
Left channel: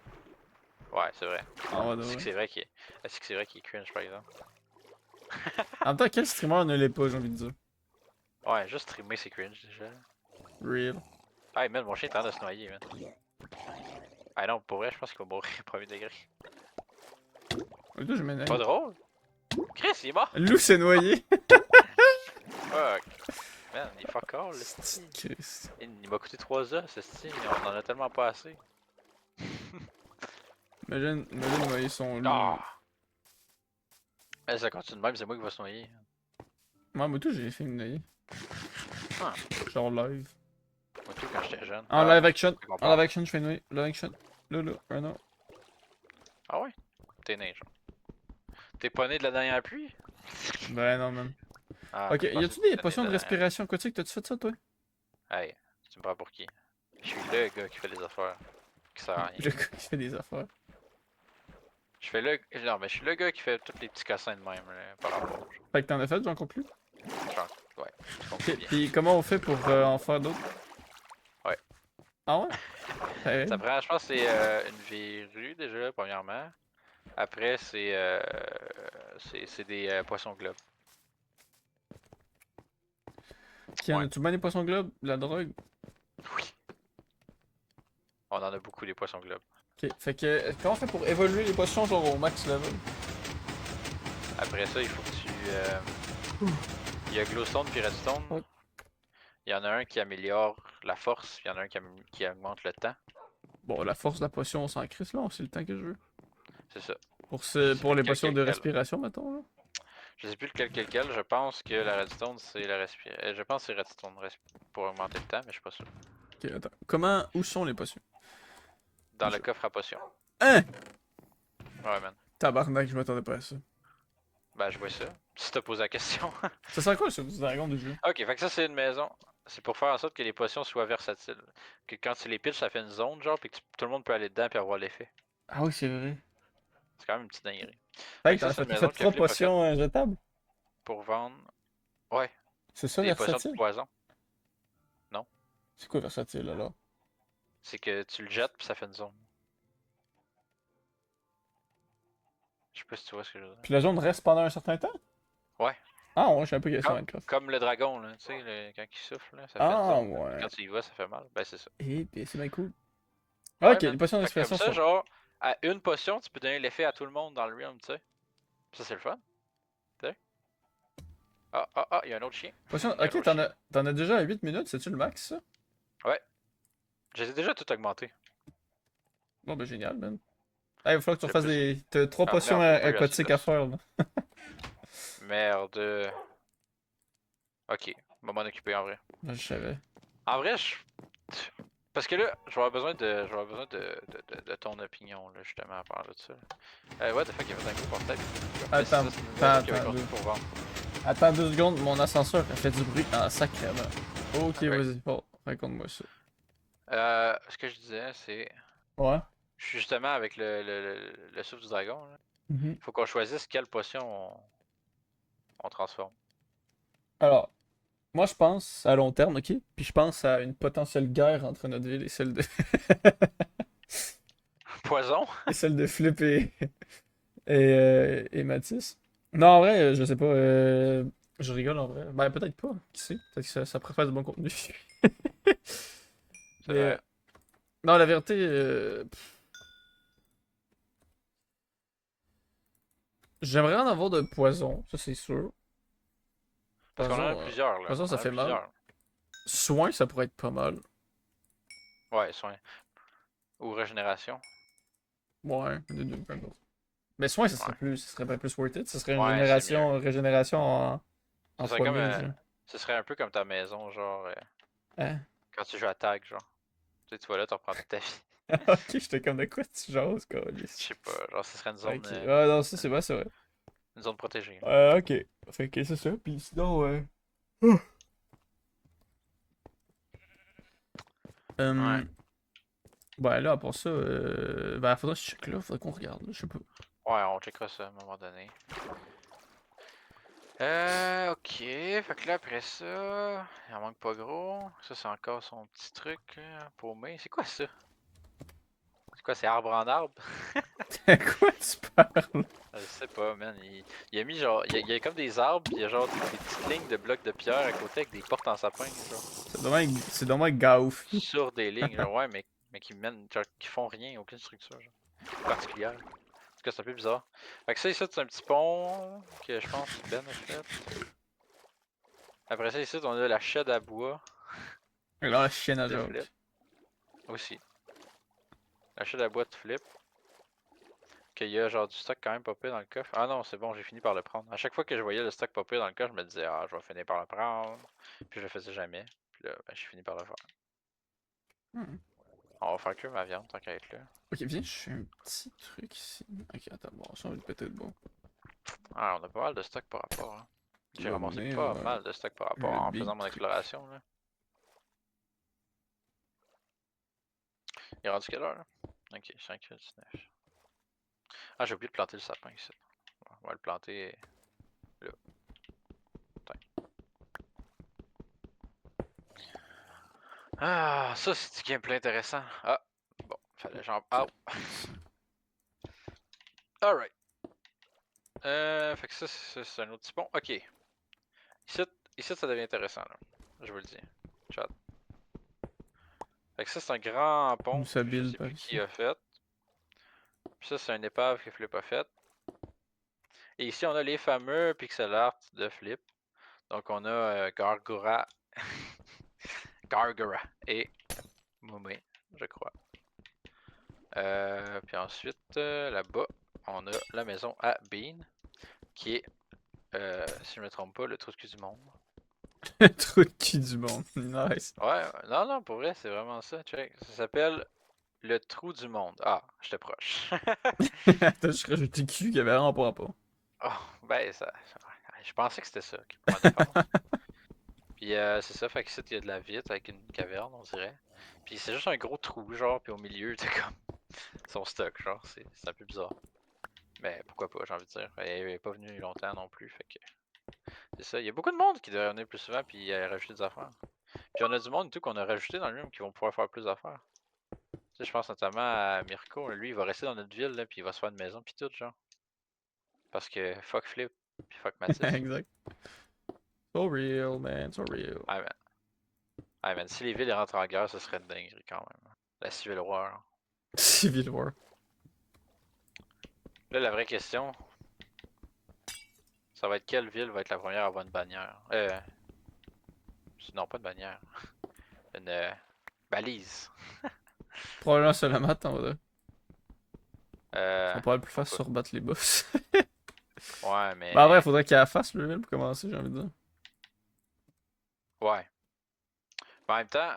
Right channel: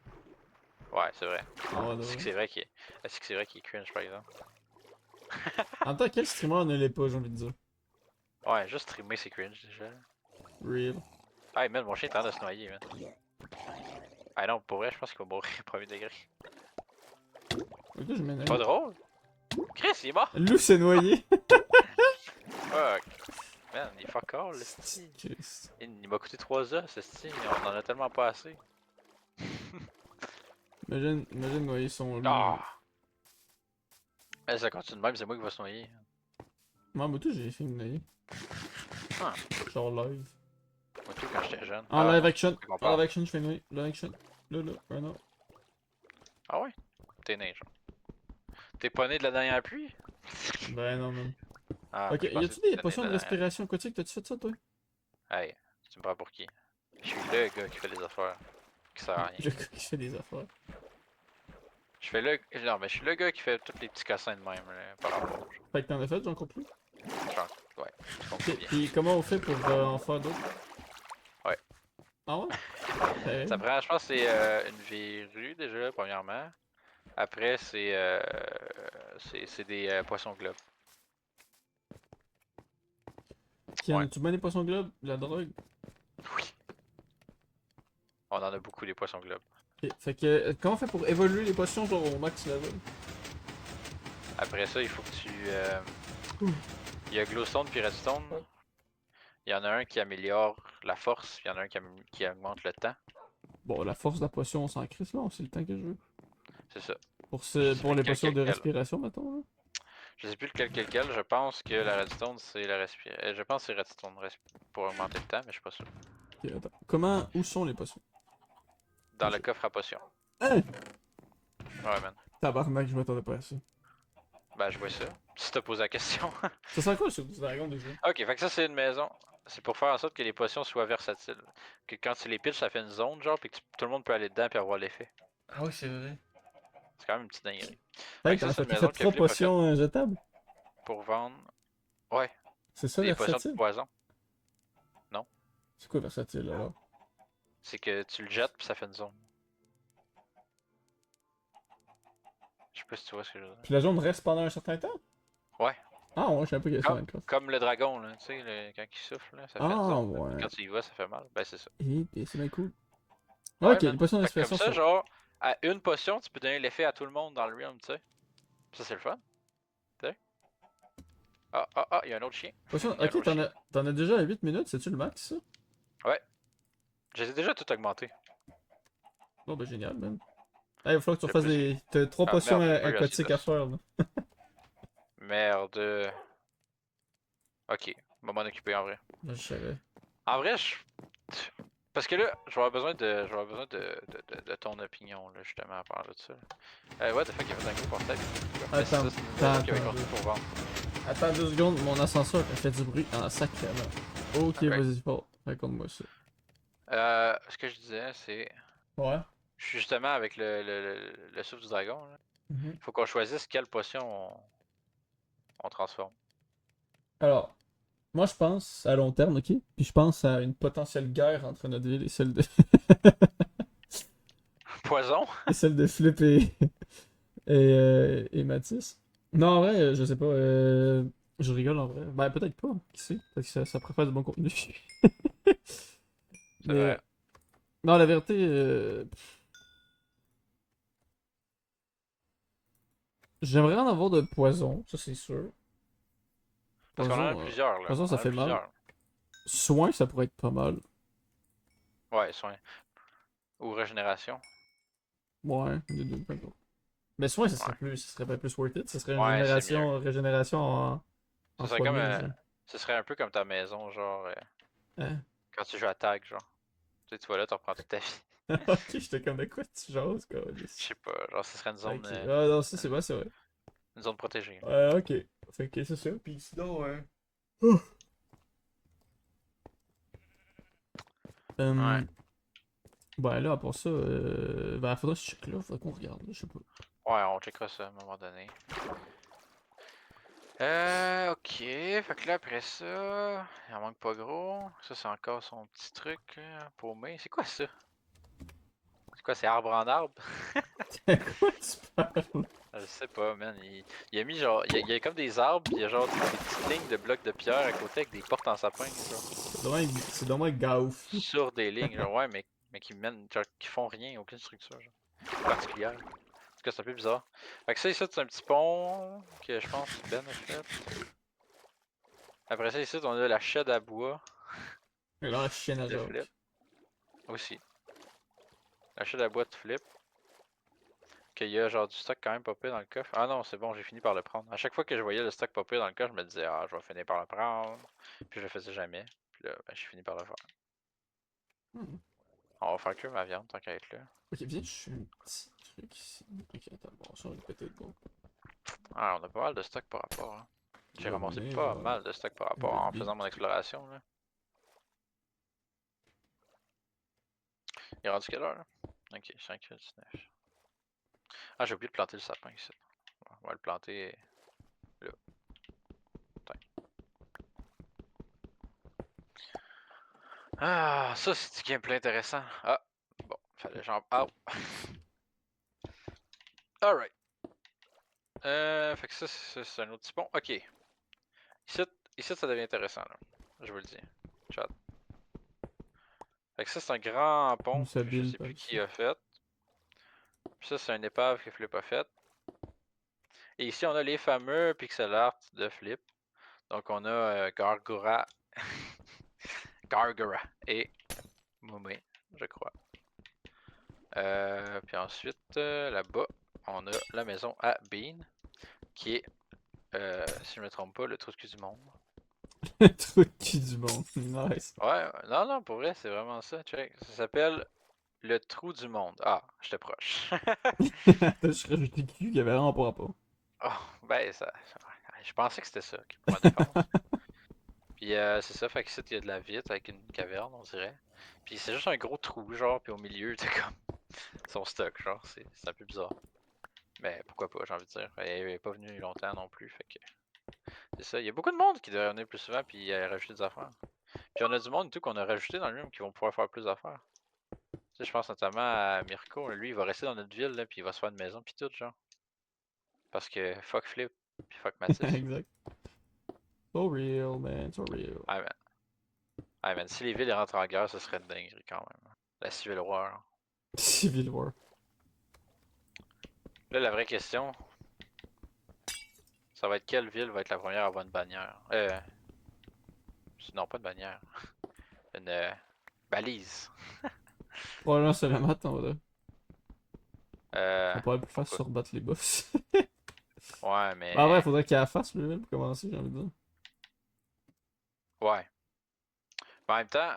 Ouais, c'est vrai. Ah, ouais, Est-ce que ouais. c'est vrai qu'il est... Est-ce que c'est vrai qu'il est cringe, par exemple? En même temps, quel streamer ne l'est pas, j'ai envie de dire? Ouais, juste streamer, c'est cringe, déjà. Real. Ah, man, mon chien est en train de se noyer, man. Ah non, pour vrai, je pense qu'il va mourir au premier degré. Le gars, je m'énerve. Pas drôle? Chris, il est mort! Le loup s'est noyé. Fuck! Man, il est fuck all, le style. Christ. Il m'a coûté 3 os, ce style. On en a tellement pas assez. Imagine noyer son loup. Ah! Mais ça continue de même, c'est moi qui va se noyer. Moi, moi, tout, j'ai fait une noyer. Ah. Genre live. Moi, tout quand j'étais jeune. En live non, action. c'est qu'on En parle. live action, je fais une noyer. Live action. Là, un an. Ah ouais? T'es né, genre. T'es pas né de la dernière pluie? Ben non, man. Ah, Ok, je y pensais a-tu que des t'étais né potions de de la dernière. respiration aquatique? T'as-tu fait ça, toi? Hey, tu me prends pour qui? Je suis le gars qui fait les affaires. Qui sert à rien. Le gars qui fait des affaires. Je fais le. Non, mais je suis le gars qui fait tous les petits cassins de même, là, par rapport. Fait que t'en as fait, j'en compte plus. Genre, ouais, je comprends bien. Puis comment on fait pour en faire d'autres? Ouais. Ah ouais? Eh, Ça prend, je pense, que c'est une verrue déjà, premièrement. Après, c'est des poissons globes. Qui en a-tu bien des poissons globes? La drogue? Oui. On en a beaucoup, des poissons globes. Ok, fait que comment on fait pour évoluer les potions genre au max level? Après ça, il faut que tu. Il y a Glowstone puis Redstone. Ouais. Il y en a un qui améliore la force, puis il y en a un qui augmente le temps. Bon, la force de la potion, on s'en crisse là, c'est le temps que je veux. C'est ça. Pour, Je sais pour plus les potions de lequel. respiration, mettons là. Je sais plus lequel. Je pense que la Redstone, c'est la respiration. Je pense que c'est Redstone pour augmenter le temps, mais je suis pas sûr. Ok, attends. Comment, où sont les potions? Dans le coffre à potions. Hein? Ouais, man. Tabarnak, je m'attendais pas à ça. Ben, je vois ça. Si t'as posé la question. Ça sert à quoi sur du dragon du jeu? Ok, fait que ça, c'est une maison. C'est pour faire en sorte que les potions soient versatiles. Que quand tu les pitches, ça fait une zone, genre, puis que tout le monde peut aller dedans puis avoir l'effet. Ah oui, c'est vrai. C'est quand même une petite dinguerie. Fait Fait que ça, c'est une maison que 3 Flip a faite potions jetables? pour vendre. Ouais, C'est ça, des potions de versatile? poison. C'est quoi versatile alors? C'est que tu le jettes puis ça fait une zone. Je sais pas si tu vois ce que je veux dire. Puis la zone reste pendant un certain temps? Ouais. Ah ouais, je sais un peu qu'il y a ça Minecraft. Comme le dragon, là, tu sais, quand il souffle, là, ça fait une Ah zone. ouais. Quand tu y vas, ça fait mal. Ben, c'est ça. Et c'est bien cool. Ouais, Ok, les man. potions de Fait que comme respiration ça, genre, à une potion, tu peux donner l'effet à tout le monde dans le realm, tu sais. Ça, c'est le fun. Tu sais. Il y a un autre chien. Potion... Il y a un Ok, autre chien. t'en as déjà à 8 minutes, c'est-tu le max ça? Ouais. J'ai déjà tout augmenté. Oh bah génial, man. il va falloir que tu Le refasses plus. des. T'as 3 Ah potions merde, j'ai pas eu assez aquatiques à d'os. faire, là. Merde. Ok, on va m'en occuper en vrai. Je savais. En vrai, je. Parce que là, je vais avoir besoin de. Je vais avoir besoin de ton opinion, là, justement, à parler de ça. What the fuck, il y avait un gros portail. Mais c'est Attends, ça, c'est une maison qui avait attends, construit pour vendre. attends 2 secondes, mon ascenseur a fait du bruit en sacrément. Ok, Alright. vas-y, bon, raconte-moi ça. Ce que je disais, c'est. Ouais. Je suis justement avec le souffle du dragon, là. Mhm. Faut qu'on choisisse quelle potion on transforme. Alors, moi je pense à long terme, ok? Puis je pense à une potentielle guerre entre notre ville et celle de. Poison? et celle de Flip et Mathis. Non, en vrai, je sais pas. Je rigole en vrai. Ben, peut-être pas. Qui sait? Peut-être que ça pourrait faire du bon contenu. C'est Mais. vrai. Non, la vérité. J'aimerais en avoir de poison, ça c'est sûr. Parce qu'on en a Poison, plusieurs, là. poison, On ça en a fait mal. plusieurs. Soin, ça pourrait être pas mal. Ouais, soin. Ou régénération. Ouais, des deux, peu importe. Mais soin, Ouais. ça serait pas plus worth it. Ça serait une Ouais, c'est mieux. régénération en Ce serait comme. 3000, genre. Ce serait un peu comme ta maison, genre. Hein? Quand tu joues à tag, genre. Tu vois là, tu reprends toute ta vie. Ok, j'étais comme de quoi tu jases, quoi. Je sais pas. Genre, ce serait Ok. Ah non, ça c'est une, vrai, c'est vrai. une zone protégée. Ok. Fait que c'est ça. Puis sinon, Ouais. ben là, pour ça, ben faudrait que je check là, faudrait qu'on regarde, je sais pas. Ouais, on checkera ça à un moment donné. Ok. Fait que là, après ça, il en manque pas gros. Ça, c'est encore son petit truc paumé. C'est quoi ça? C'est quoi, c'est arbre en arbre? De quoi tu parles? Je sais pas, man. Il a mis genre. Il y a comme des arbres, pis il y a genre des petites lignes de blocs de pierre à côté avec des portes en sapin, genre. C'est dommage gaouf. Sur des lignes, genre, ouais, mais qui mènent. Genre, qui font rien, aucune structure, genre. Particulière. En tout cas, c'est un peu bizarre. Fait que ça, ici, c'est un petit pont que je pense Ben a fait. Après ça, ici, on a la shed à bois Et là, la chienne à de Flip. Jacques. Aussi. La shed à bois de Flip. Qu'il y a genre du stock quand même popé dans le coffre. Ah non, c'est bon, j'ai fini par le prendre. À chaque fois que je voyais le stock popé dans le coffre, je me disais, ah, je vais finir par le prendre. Puis je le faisais jamais. Puis là, ben, j'ai fini par le faire. Hmm. On va faire que ma viande tant qu'à être là. Ok, viens, je fais un petit truc ici. Ok, attends, bon, ça on va péter le bon. Ah, on a pas mal de stock par rapport. Hein. J'ai ramassé On pas mal de stock par rapport un en big faisant mon truc. exploration. Là. Il est rendu quelle heure là? Ok, 5h19. Ah, j'ai oublié de planter le sapin ici. On va le planter là. Tiens. Ah, ça c'est du gameplay intéressant. Ah, bon, fallait j'en. Ah, alright. Fait que ça, c'est un autre petit pont. Ok. Ici, ici, ça devient intéressant, là. Je vous le dis. Chat. Fait que ça, c'est un grand Où pont ça que je build sais par plus ici. qui a fait. Puis ça, c'est une épave que Flip a faite. Et ici, on a les fameux pixel art de Flip. Donc, on a Gargura. Gargura et Mumé, je crois. Puis ensuite, là-bas, on a la maison à Bean, qui est, si je me trompe pas, le trou de cul du monde. Le truc qui du monde. Nice. Ouais, non, non, pour vrai, c'est vraiment ça. Check. Ça s'appelle le trou du monde. Ah, j'étais proche. Attends, je rajoute le cul qui avait vraiment pas rapport. Oh, ben, je pensais que c'était ça, pour ma défense. Puis c'est ça, fait que ici, il y a de la vitre avec une caverne, on dirait. Puis c'est juste un gros trou, genre, puis au milieu, t'as comme son stock, genre, c'est un peu bizarre. Mais pourquoi pas, j'ai envie de dire. Elle est pas venue longtemps non plus, fait que c'est ça. Il y a beaucoup de monde qui devrait venir plus souvent, puis rajouter des affaires. Puis on a du monde et tout qu'on a rajouté dans le même qui vont pouvoir faire plus d'affaires. Tu sais, je pense notamment à Mirko, lui, il va rester dans notre ville, là, puis il va se faire une maison, puis tout, genre. Parce que fuck Flip, puis fuck Mathis. Exact. So real, man, so real. Ah, man. Ah, man, si les villes rentrent en guerre, ce serait une dinguerie quand même. La Civil War. Civil War. Là, la vraie question, ça va être quelle ville va être la première à avoir une bannière? Non, pas une bannière. Une balise. Probablement seulement, attends, là. C'est pas le plus facile Pourquoi? sur battre les boss. Ouais, Bah ouais, mais. faudrait qu'il la fasse le level pour commencer, j'ai envie de dire. Ouais. Mais en même temps,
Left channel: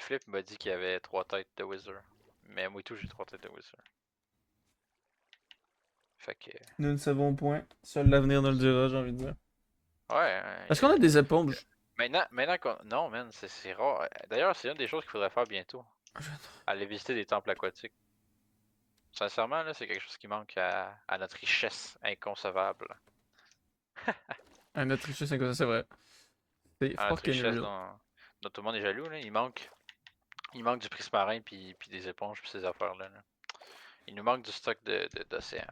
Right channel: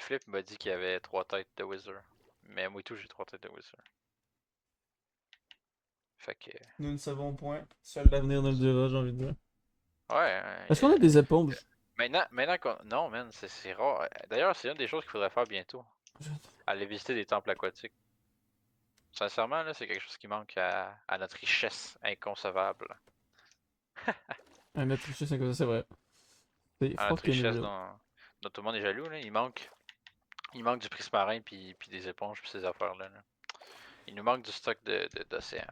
Flip m'a dit qu'il y avait 3 têtes de Wizard. Mais moi et tout, j'ai 3 têtes de Wizard. Fait que. Nous ne savons point. Seul l'avenir nous le dira, j'ai envie de dire. Ouais, Est-ce qu'on a des éponges? maintenant qu'on. Non, man, c'est rare. D'ailleurs, c'est une des choses qu'il faudrait faire bientôt. Aller visiter des temples aquatiques. Sincèrement, là, c'est quelque chose qui manque à notre richesse inconcevable. Un autre truc, c'est vrai. C'est À notre fucking richesse real. dont tout le monde est jaloux, là. Il manque du prismarine puis des éponges puis ces affaires-là. Là. Il nous manque du stock d'océan.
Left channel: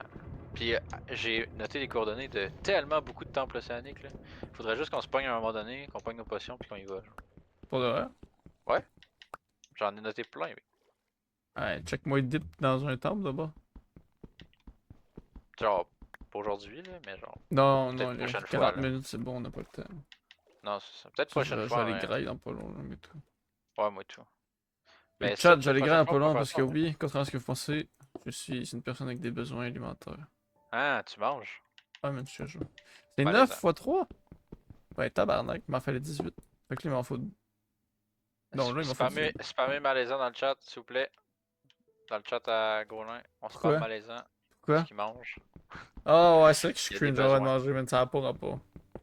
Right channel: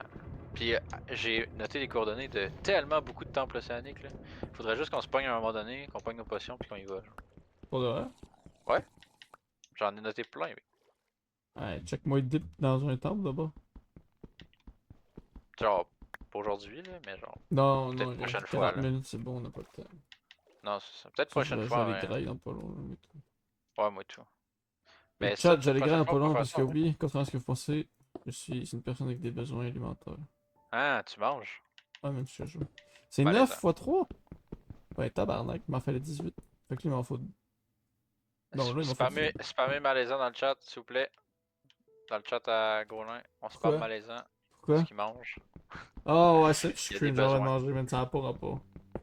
Puis j'ai noté les coordonnées de tellement beaucoup de temples océaniques. Là. Faudrait juste qu'on se pogne à un moment donné, qu'on pogne nos potions puis qu'on y va. Genre. Pour de vrai. Ouais, j'en ai noté plein. Oui. Ouais, check-moi le dip dans un temple d'abord. Genre, pas aujourd'hui, là, mais genre, Non, non, peut-être il y a prochaine fois. 40 Là. minutes, c'est bon, on n'a pas le temps. Non, c'est ça. Peut-être Ça, prochaine ça fois, les ouais. graille dans pas long, là, mais tout. Ouais, moi tout. Et Mais ça, chat, ça peut-être les graille prochaine dans fois, pas on peut long faire parce ça. Ouais. qu'oublie, contrairement à ce que vous pensez, je suis une personne avec des besoins alimentaires. Ah, tu manges. Ah, même si je joue. C'est 9 Malaisant. fois 3? Ouais, tabarnak, il m'en fallait 18. Fait que là, il m'en faut. Non, là, il m'en faut Spammez, 18. spammez malaisant dans le chat, s'il vous plaît. Dans le chat à Grolin, on spam Pourquoi? malaisant parce Pourquoi? qu'il mange. Ah, ouais, c'est vrai que je suis Il y a des cringe d'avoir besoins. mangé, mais ça n'a pas rapport. Il y a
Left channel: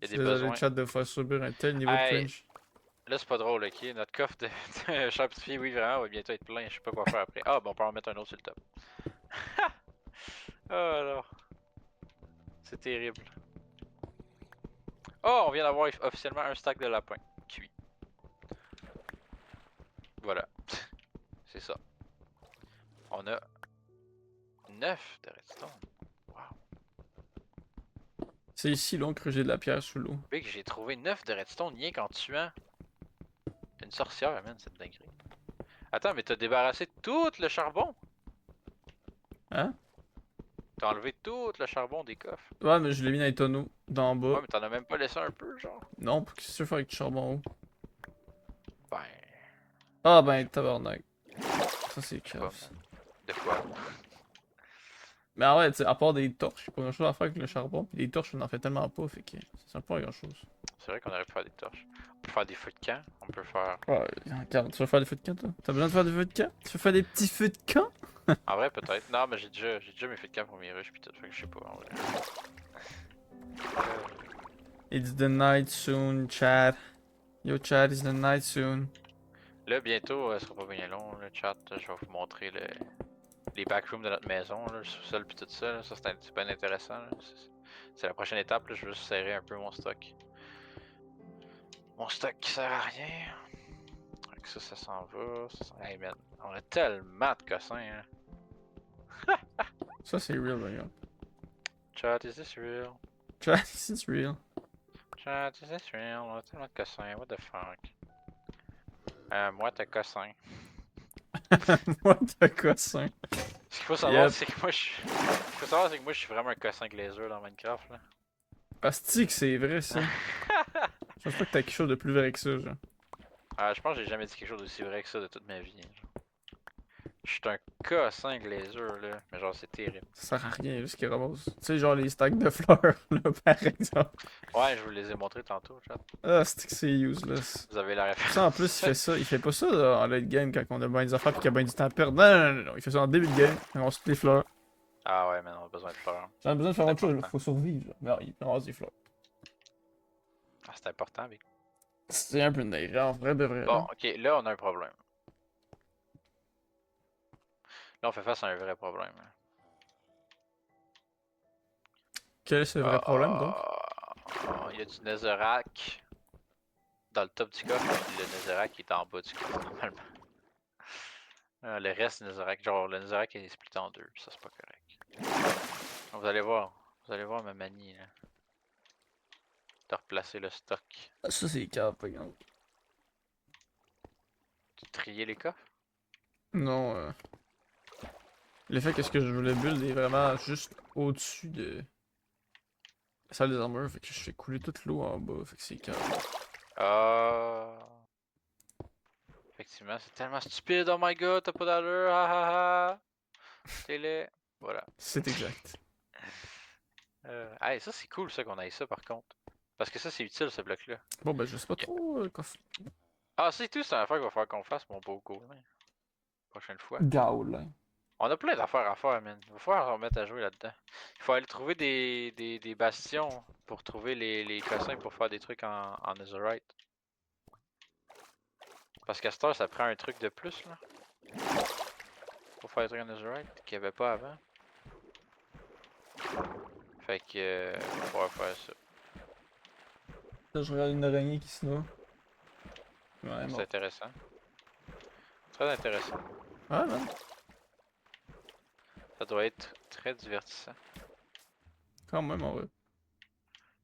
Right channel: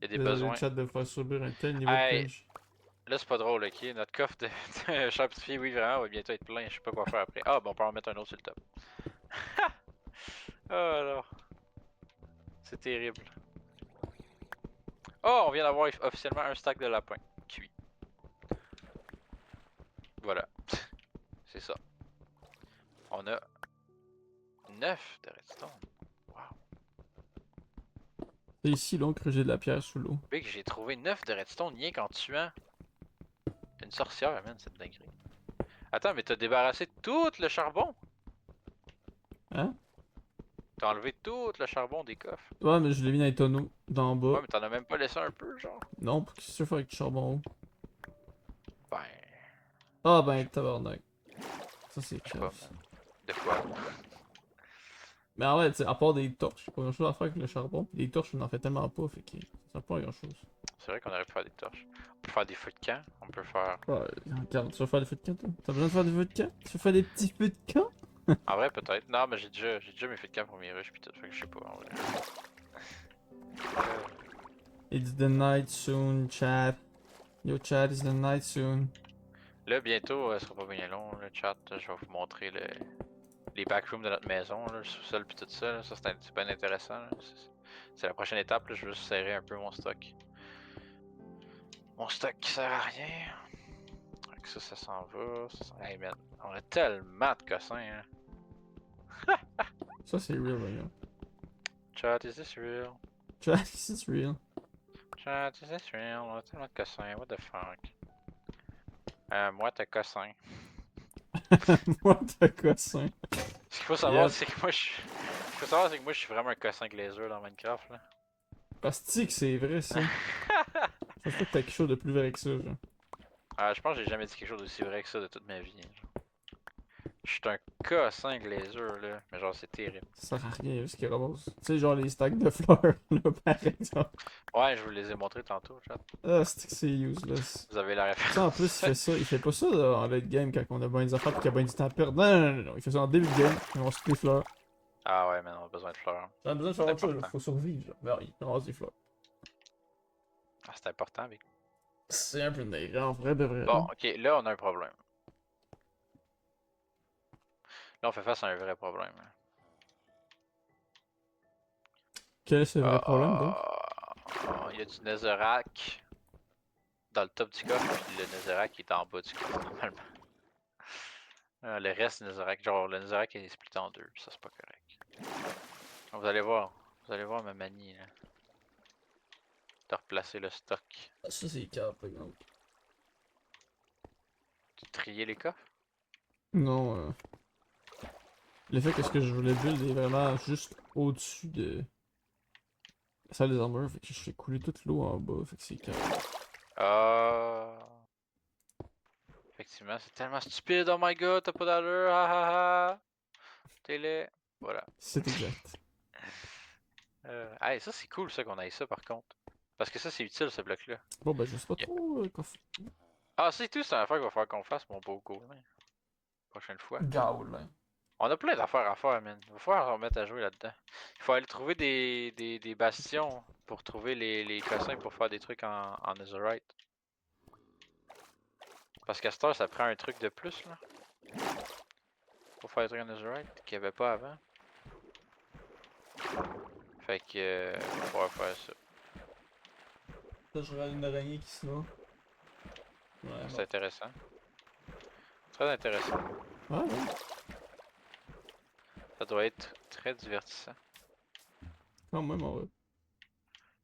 Je suis des désolé, le besoins. chat, de faire subir un tel niveau de Hey, cringe. là c'est pas drôle, ok? Notre coffre de Shopify, oui, vraiment, va bientôt être plein. Je sais pas quoi faire après. Ah, bon, on peut en mettre un autre sur le top. Oh alors, c'est terrible. Oh, on vient d'avoir officiellement un stack de lapin. Cuit. Voilà. C'est ça. On a 9 de redstone. Wow. C'est ici long que j'ai de la pierre sous l'eau. Big, j'ai trouvé 9 de redstone rien qu'en tuant une sorcière, man, cette dinguerie. Attends, mais t'as débarrassé tout le charbon? Hein? T'as enlevé tout le charbon des coffres? Ouais, mais je l'ai mis dans les tonneaux, d'en bas. Ouais, mais t'en as même pas laissé un peu, genre? Non, pour qu'est-ce que tu veux faire avec du charbon haut? Ben, Ah, je ben, sais tabarnak. Ça, c'est je sais cave, pas, ça. man. De quoi? Mais en vrai, tu sais, à part des torches, j'ai pas grand chose à faire avec le charbon. Pis les torches, on en fait tellement pas, fait que ça sert pas à grand chose. C'est vrai qu'on aurait pu faire des torches. On peut faire des feux de camp, on peut faire... Ouais, regarde, tu veux faire des feux de camp, toi? T'as besoin de faire des feux de camp? Tu veux faire des petits feux de camp? En vrai, peut-être. Non, mais j'ai déjà mes feux de camp pour mes rushs pis tout, fait que je sais pas, en vrai. It's the night soon, Chad. Yo, Chad, it's the night soon. Là, bientôt, ce sera pas bien long, le chat. Je vais vous montrer les backrooms de notre maison, là, le sous-sol pis tout ça. Là. Ça, c'est bien intéressant. Là. C'est la prochaine étape, là. Je veux juste serrer un peu mon stock. Mon stock qui sert à rien. Fait que ça s'en va. Hey man, on a tellement de cossins, hein. Ça, c'est real, regarde. Chat, is this real? Chad, it's real. Chat, is this real? On a tellement de cossins, what the fuck? Moi, t'as cossin. Moi, de cossin. Ce qu'il faut savoir, Yep. c'est que moi, je suis vraiment un cossin glazer dans Minecraft, là. Asti que c'est vrai, ça. Chaque fois que t'as quelque chose de plus vrai que ça, genre. Je pense que j'ai jamais dit quelque chose d'aussi vrai que ça de toute ma vie. Genre. Je suis un cossin glazer, là. Mais genre, c'est terrible. Ça sert à rien, juste qu'il ramasse. Tu sais, genre les stacks de fleurs, là, par exemple. Ouais, je vous les ai montrés tantôt, chat. Ah, c'est que c'est useless. Vous avez la référence. Ça, en plus, il fait ça. Il fait pas ça là, en late game quand on a bien des affaires et qu'il y a bien du temps à perdre. Non, non, non, non. Il fait ça en début de game. On ramasse toutes les fleurs. Ah ouais, mais on a besoin de fleurs. J'en ai besoin de faire C'est autre chose, il important. faut survivre. Là. Mais il ramasse des fleurs. Ah, c'est important, Vic. C'est un peu de en vrai de vrai. Bon, Là. ok, là, on a un problème. Là, on fait face à un vrai problème. Hein. Quel est ce vrai problème donc? Il y a du Netherrack dans le top du coffre, puis le Netherrack est en bas du coffre, normalement. Le reste du Netherrack, genre le Netherrack est splitté en deux, puis ça c'est pas correct. Vous allez voir ma manie là. De replacer le stock. Ah, ça, c'est cap, par exemple. Tu trier les coffres? Non, le fait que ce que je voulais build est vraiment juste au-dessus de la salle des armures, fait que je fais couler toute l'eau en bas, fait que c'est cap. Ah. Effectivement, c'est tellement stupide, oh my god, t'as pas d'allure, ha ha ha. Télé. Voilà. C'est exact. Hey, ça c'est cool ça qu'on ait ça par contre. Parce que ça c'est utile ce bloc-là. Bon, ben, je sais pas Ok. trop quoi Ah, c'est tout, c'est une affaire qu'il va falloir qu'on fasse, mon beau Gaulin. Prochaine fois. Gaul. On a plein d'affaires à faire, man. Il va falloir se remettre à jouer là-dedans. Il faut aller trouver des bastions pour trouver les cossins pour faire des trucs en netherite. Parce qu'à cette heure, ça prend un truc de plus, là. Pour faire des trucs en netherite qu'il n'y avait pas avant. Fait que, on va pouvoir faire ça. Là, je regarde une araignée qui se noie. Ouais, C'est bon. intéressant. Très intéressant. Ouais, ouais. Ça doit être très divertissant. Quand même, en vrai.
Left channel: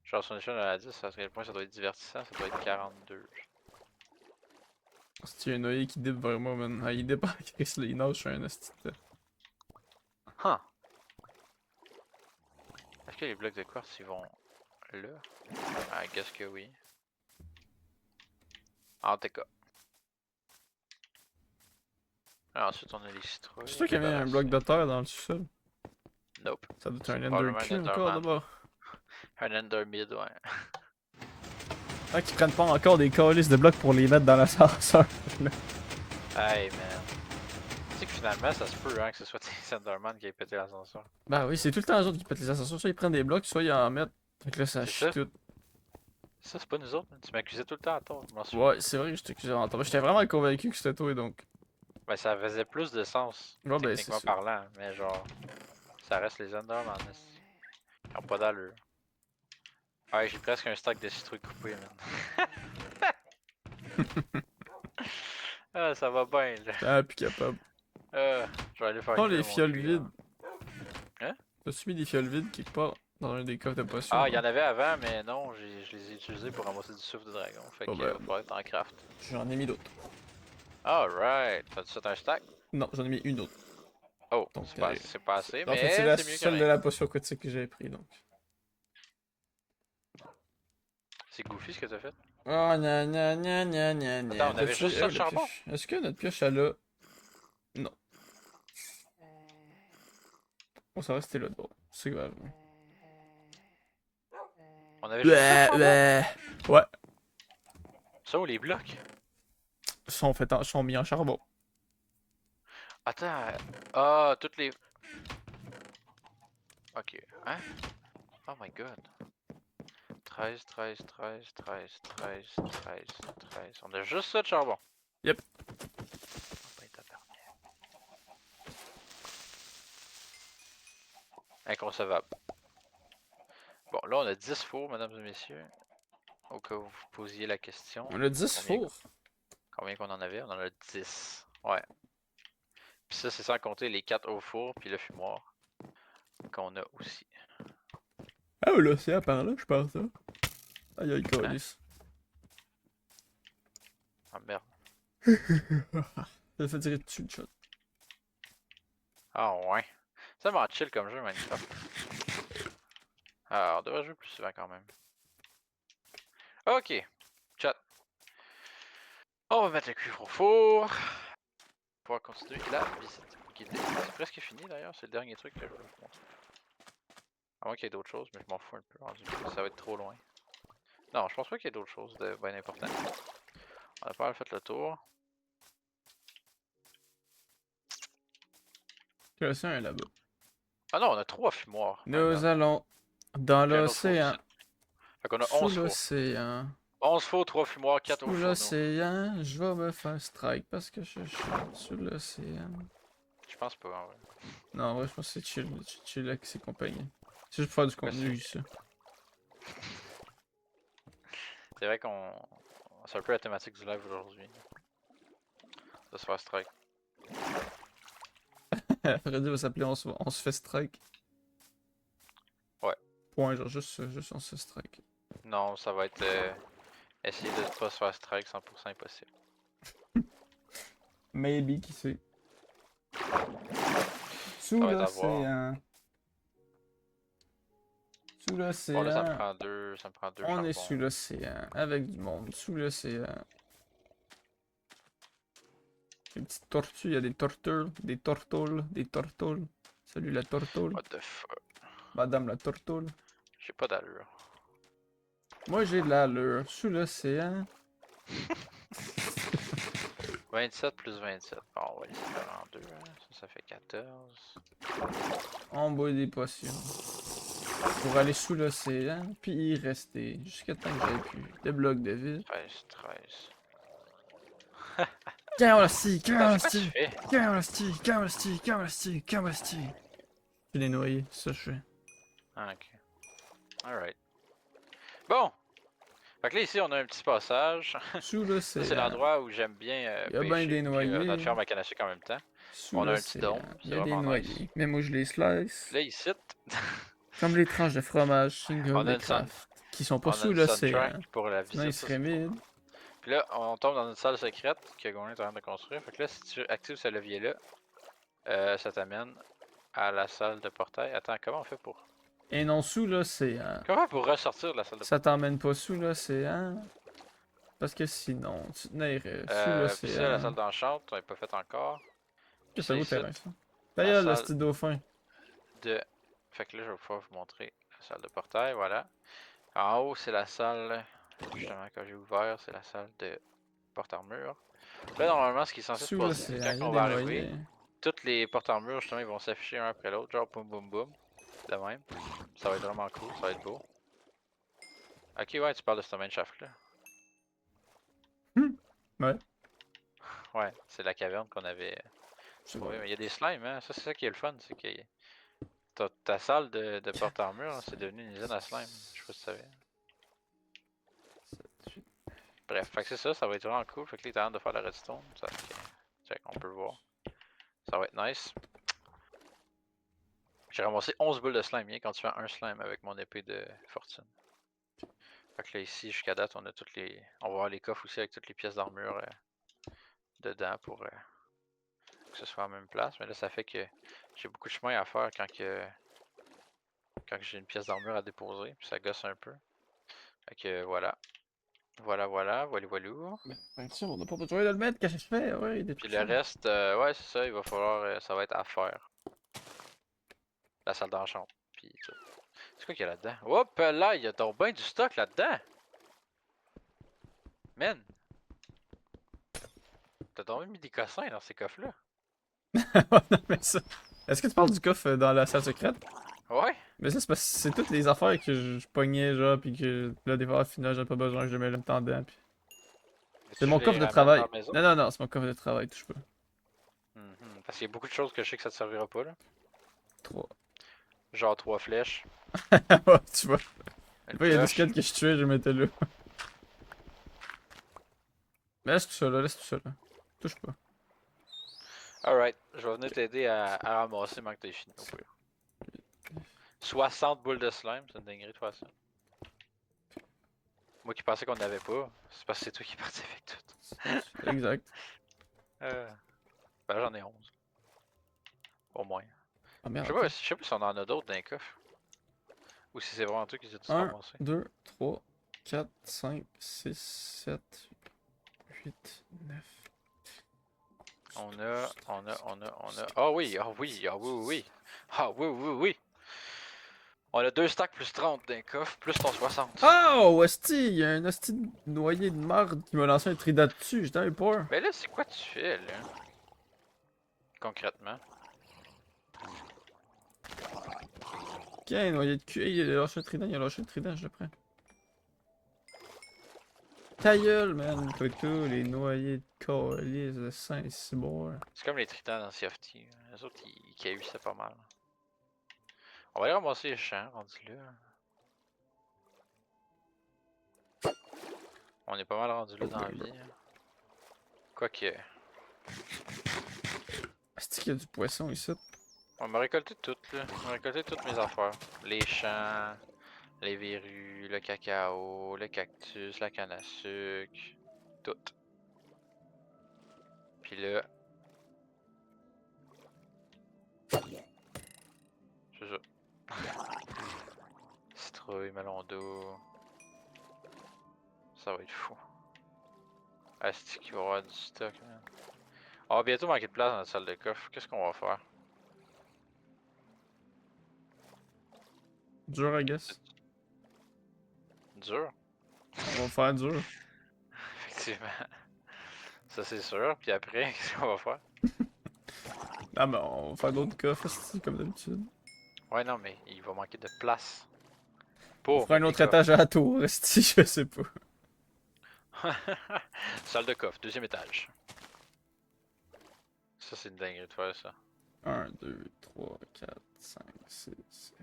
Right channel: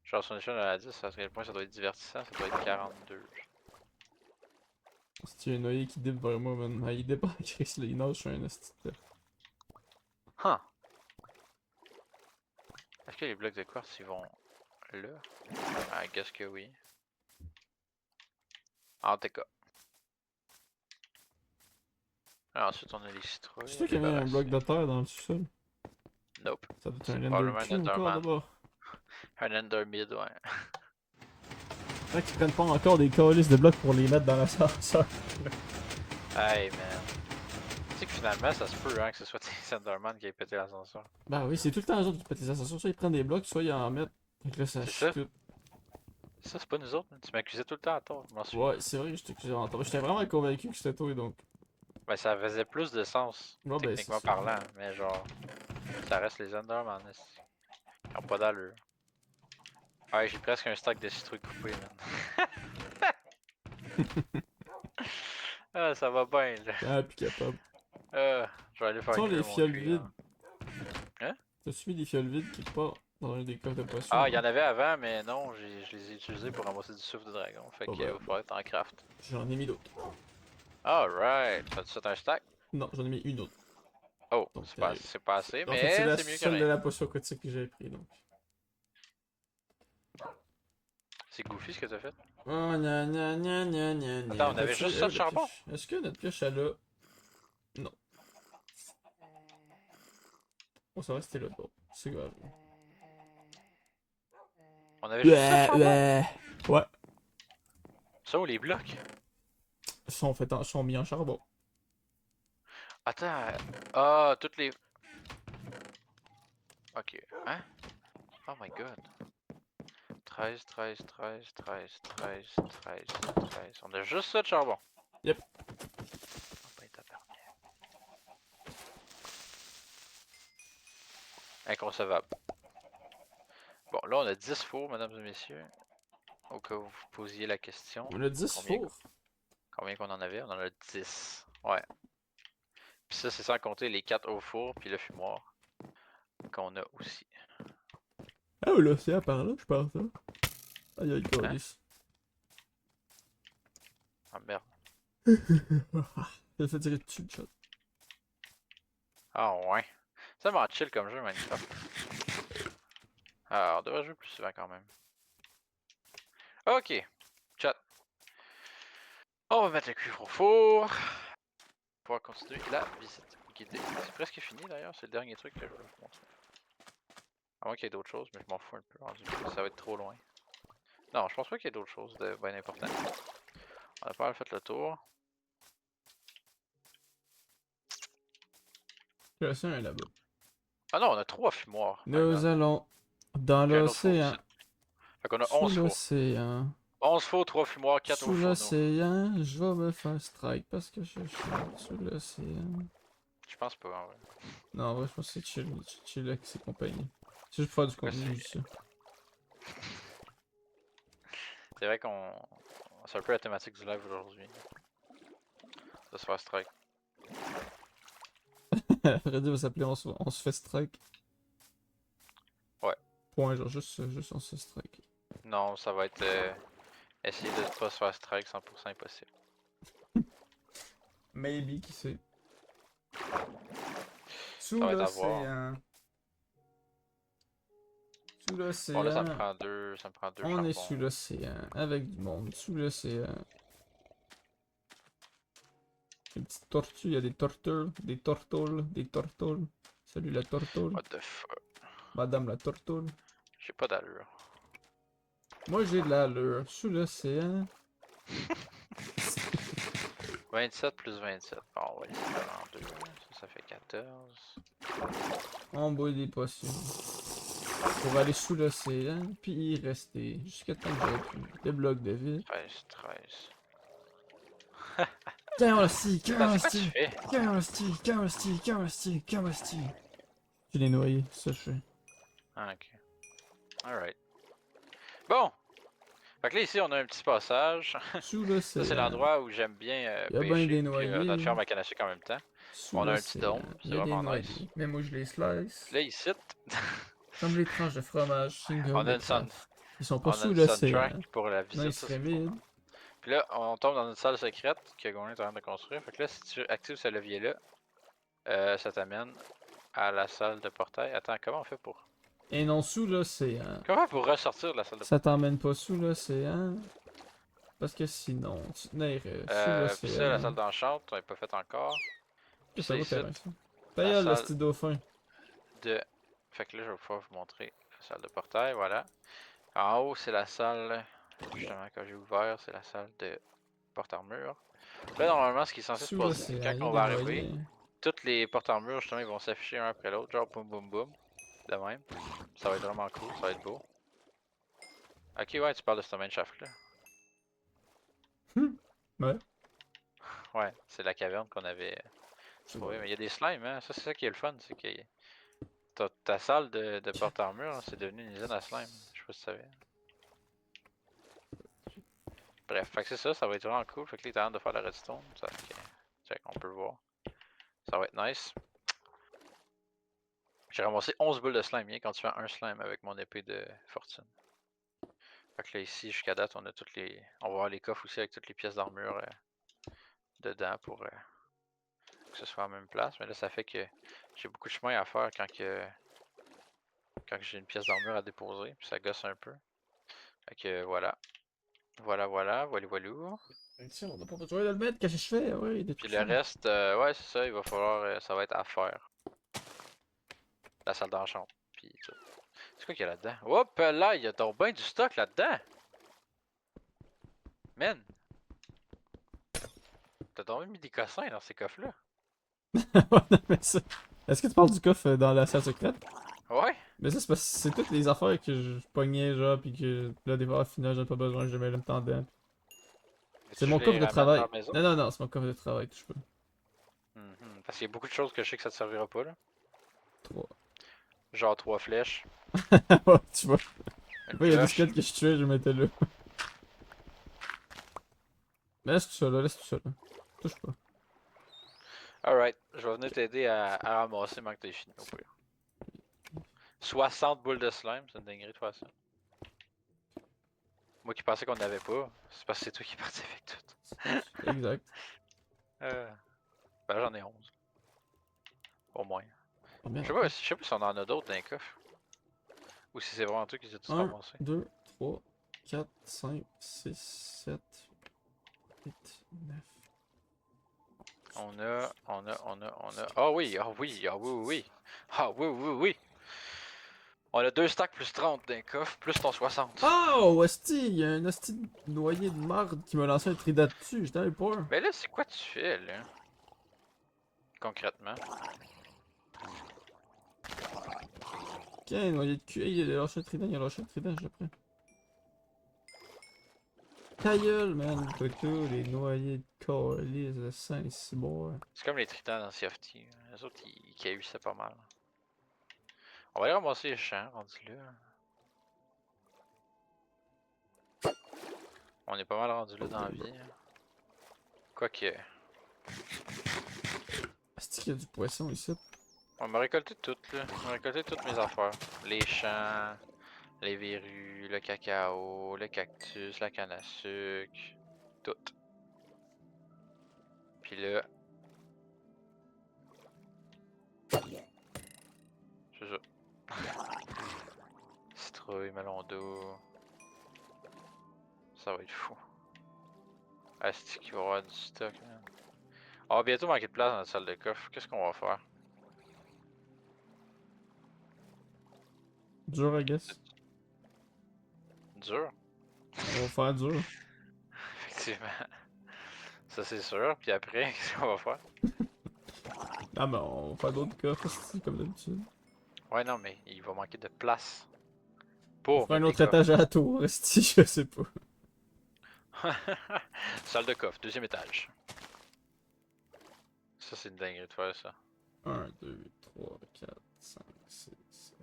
Genre sur une échelle de la 10, à quel point ça doit être divertissant, ça doit être 42. C'est un oeil qui dip vers moi, man. Ah, il dip en Chris, là, il nage sur un esti de- Huh! Est-ce que les blocs de quartz ils vont là? I guess que oui. En tout cas. Alors, ensuite on a les citrouilles. C'est toi qui avait un bloc de terre dans le sous-sol. Nope. Ça doit être C'est un probablement un Ender Cube, Enderman. d'abord. Un Endermid, ouais. Tant qu'ils prennent pas encore des calices de blocs pour les mettre dans l'ascenseur. Hey man. Tu sais que finalement ça se peut hein, que ce soit des Enderman qui aient pété l'ascenseur. Bah oui, c'est tout le temps les autres qui pètent les ascenseurs. Soit ils prennent des blocs, soit ils en mettent. Donc là, ça C'est chie ça? tout. Ça c'est pas nous autres, hein. Tu m'accusais tout le temps à tort, je m'en souviens. Ouais, c'est vrai que j'étais en tort. J'étais vraiment convaincu que c'était toi, donc. Ben ça faisait plus de sens, Ouais, ben c'est techniquement ça. parlant, mais genre, ça reste les Enderman. Esti. Ils ont pas d'allure. Ouais, j'ai presque un stack de citrouilles coupées, man. Ah, ça va bien, là. Ah, plus capable. Je vais aller faire Tu vois cuire les mon fioles cuir. vides. Hein? T'as-tu mis des fioles vides qui partent dans un des coffres de potions? Ah, il y en avait avant, mais non, je les ai utilisés pour ramasser du souffle de dragon. Fait Bon, que ben, va falloir être en craft. j'en ai mis d'autres. Alright, t'as-tu fait un stack? Non, j'en ai mis une autre. Oh, Donc, c'est pas assez, en fait, c'est mais la c'est mieux que seule de rien. la potion critique que j'avais pris, donc. C'est goofy ce que t'as fait. Oh, gna gna gna gna gna gna. Attends, on avait juste ça de charbon? Est-ce que notre pioche, elle a. Non. On s'en restait là, bon. C'est grave. On avait juste ça de charbon? Ouais. Ça ou les blocs? Sont mis en charbon. Attends, ah, toutes les... Ok, hein? Oh my god. 13, 13, 13, 13, 13, 13, 13. On a juste ça de charbon. Yep. Oh, ben, tabarnak. Inconcevable. Bon, là on a 10 fours, mesdames et messieurs. Au cas où vous posiez la question. On a 10 Combien, fours. combien qu'on en avait? On en a 10. Ouais. Puis ça, c'est sans compter les 4 au four, puis le fumoir. Qu'on a aussi. Ah, l'océan par là, je pense, hein. Aïe, aïe, calice. Ah merde. Ça fait tirer dessus le shot. Ah ouais. C'est tellement chill comme jeu, Minecraft. Ah, on devrait jouer plus souvent quand même. Ok. Chat. On va mettre le cuivre au four. Pour pouvoir continuer la visite guidée. C'est presque fini d'ailleurs, c'est le dernier truc que je voulais vous montrer. À moins qu'il y ait d'autres choses, mais je m'en fous un peu rendu. Ça va être trop loin. Non, je pense pas qu'il y ait d'autres choses de bien importantes. On a pas mal fait le tour. L'océan est là-bas. Ah non, on a 3 fumoirs. Nous allons dans Puis un autre four l'océan. ici. Fait qu'on a Sous 11 fours. l'océan. 11 fours, 3 fumoirs, 4 au Sous fourneau. l'océan, je vais me faire strike parce que je suis sous l'océan. Je pense pas, en vrai. Non, ouais, je pense que c'est chill. Chill avec ses compagnies. Si je peux faire du Pourquoi contenu ici. C'est vrai qu'on... C'est un peu la thématique du live aujourd'hui. De se faire strike. Freddy va s'appeler on se fait strike. Ouais. Point, genre juste on se fait strike. Non, ça va être... essayer de pas se faire strike 100% impossible. Maybe, qui sait. Sous va être à voir. l'océan. Sous l'océan. Bon là ça me prend deux On charbons. est sous l'océan, avec du monde, sous l'océan. des petites tortues, il y a des tortues, des tortoules, des tortoules. Salut la tortoule. What the fuck? Madame la tortoule. J'ai pas d'allure. Moi j'ai de l'allure. Sous l'océan. 27 plus 27. Bon, on va laisser ça en 2. Ça fait 14. On boit des potions. Pour aller sous l'océan, puis y rester. Jusqu'à temps que des blocs de vie. 13, 13. Cavasti, C'est quoi tu Cavasti, fais? Cavasti, Cavasti, Cavasti, Cavasti. J'ai des noyés, c'est ça que je fais. Ah, ok. Alright. Bon! Fait que là, ici, on a un petit passage. Sous Ça, l'océan. c'est l'endroit où j'aime bien Y a bien pêcher. des Puis noyés. notre ferme à canne à sucre en même temps. Sous On a un petit l'océan. dôme, c'est Y a des vraiment noyés. nice. Mais moi je les slice. Puis là, ici, Comme les tranches de fromage single on a de une sun- Kraft, qui sont pas on a sous une l'océan. soundtrack pour la visite. Nice Ça, c'est le fun. Remid. Puis là, on tombe dans une salle secrète que Gordon est en train de construire. Fait que là, si tu actives ce levier-là, ça t'amène à la salle de portail. Attends, comment on fait pour... Et non sous l'océan. Comment on fait pour ressortir de la salle de Ça t'emmène pas sous l'océan. Parce que sinon, tu tenais sous Puis ça, la l'océan. salle d'enchant, on n'est pas fait encore. Puis Ça ça vaut ici, terrain, ça. la D'ailleurs, le salle petit dauphin. de... Fait que là, je vais pouvoir vous montrer la salle de portail, voilà. En haut, c'est la salle, justement, que j'ai ouvert, c'est la salle de porte-armure. Là, normalement, ce qui est censé se Sous passer, c'est l'océan, quand y a on des va arriver, noyés. toutes les porte-armures, justement, ils vont s'afficher un après l'autre, genre boum boum boum, de même. Ça va être vraiment cool, ça va être beau. Ok, ouais, tu parles de ce main shaft là. Ouais. Ouais, c'est la caverne qu'on avait trouvé. Mais il y a des slimes, hein. Ça, c'est ça qui est le fun, c'est que ta salle de porte-armure, c'est devenu une usine à slime. Je sais pas si tu savais. Bref, fait que c'est ça, ça va être vraiment cool. Fait que là, il est en train de faire la redstone. Ça, fait que, check, on peut le voir. Ça va être nice. J'ai ramassé 11 boules de slime, bien quand tu fais un slime avec mon épée de fortune. Fait que là, ici, jusqu'à date, on a toutes les. On va voir les coffres aussi avec toutes les pièces d'armure dedans pour que ce soit à la même place. Mais là, ça fait que j'ai beaucoup de chemin à faire quand j'ai une pièce d'armure à déposer. Puis ça gosse un peu. Fait que voilà. Voilà, voilou. Ben tiens, on n'a pas besoin de le mettre, qu'est-ce que je fais? Ouais, il est Puis tout le fait. reste, ouais, c'est ça, il va falloir. Ça va être à faire. La salle d'enchant. Puis tout. C'est quoi qu'il y a là-dedans? Hop là, il y a donc bien du stock là-dedans! Man! T'as donc mis des cossins dans ces coffres-là? Non, mais ça. Est-ce que tu parles du coffre dans la salle secrète? Ouais? Mais ça, c'est parce que c'est toutes les affaires que je pognais, genre, pis que là, des fois, au final, j'ai pas besoin que je mets le temps dedans. Pis... C'est Tu mon les coffre de ramènes travail. dans la maison? Non, non, non, c'est mon coffre de travail, touche pas. Parce qu'il y a beaucoup de choses que je sais que ça te servira pas, là. 3. Genre 3 flèches, Ouais, tu vois. une Il y a des pioche. squelettes que je tuais, je les mettais là. Mais laisse tout ça là, laisse tout ça là. Touche pas. Alright, je vais venir t'aider à ramasser avant que t'aies fini au pire. 60 boules de slime, c'est une dinguerie de faire ça. Moi qui pensais qu'on n'avait pas, c'est parce que c'est toi qui es parti avec tout. Exact. Ben j'en ai 11. Au moins. Ah Je merde. sais pas si on en a d'autres dans les coffres. Ou si c'est vraiment toi qui les as tous 1, ramassés. 2, 3, 4, 5, 6, 7, 8, 9. On a. Ah oui, ah oui, ah oui, oui, oui. Ah oui, oui, oui. On a 2 stacks plus 30 d'un coffre, plus ton 60. Oh, hostie, il y a un hostie de noyé de marde qui m'a lancé un trident dessus, j'étais un peur. Mais là, c'est quoi tu fais, là? Concrètement. Ok, un noyé de cul. Il a lâché le trident, il a lâché le trident, je le prends. Ta gueule, man. Fait que là, les noyés de colis de Saint-Cyboire. C'est comme les tritons dans Sea of Thieves. Les autres, ils cahuissaient pas mal. On va aller ramasser les champs, rendu là. On est pas mal rendu là dans la vie. Hein. Quoique. Est-ce qu'il y a du poisson ici? On m'a récolté tout, là. On m'a récolté toutes mes affaires. Les champs, les verrues, le cacao, le cactus, la canne à sucre. Tout. Puis là. C'est ça. Citrouille, melon d'eau. Ça va être fou. Asti qu'il va y avoir du stock, man. On va bientôt manquer de place dans la salle de coffre. Qu'est-ce qu'on va faire? Dur, I guess. Dur? On va faire dur. Effectivement. Ça c'est sûr. Puis après, qu'est-ce qu'on va faire? Ah, mais on va faire d'autres coffres, c'est comme d'habitude. Ouais, non, mais il va manquer de place. On Pour fera un mettre les autre coffres. étage à la tour, si je sais pas. Salle de coffre, deuxième étage. Ça, c'est une dinguerie de faire ça. 1, 2, 3, 4, 5, 6, 7,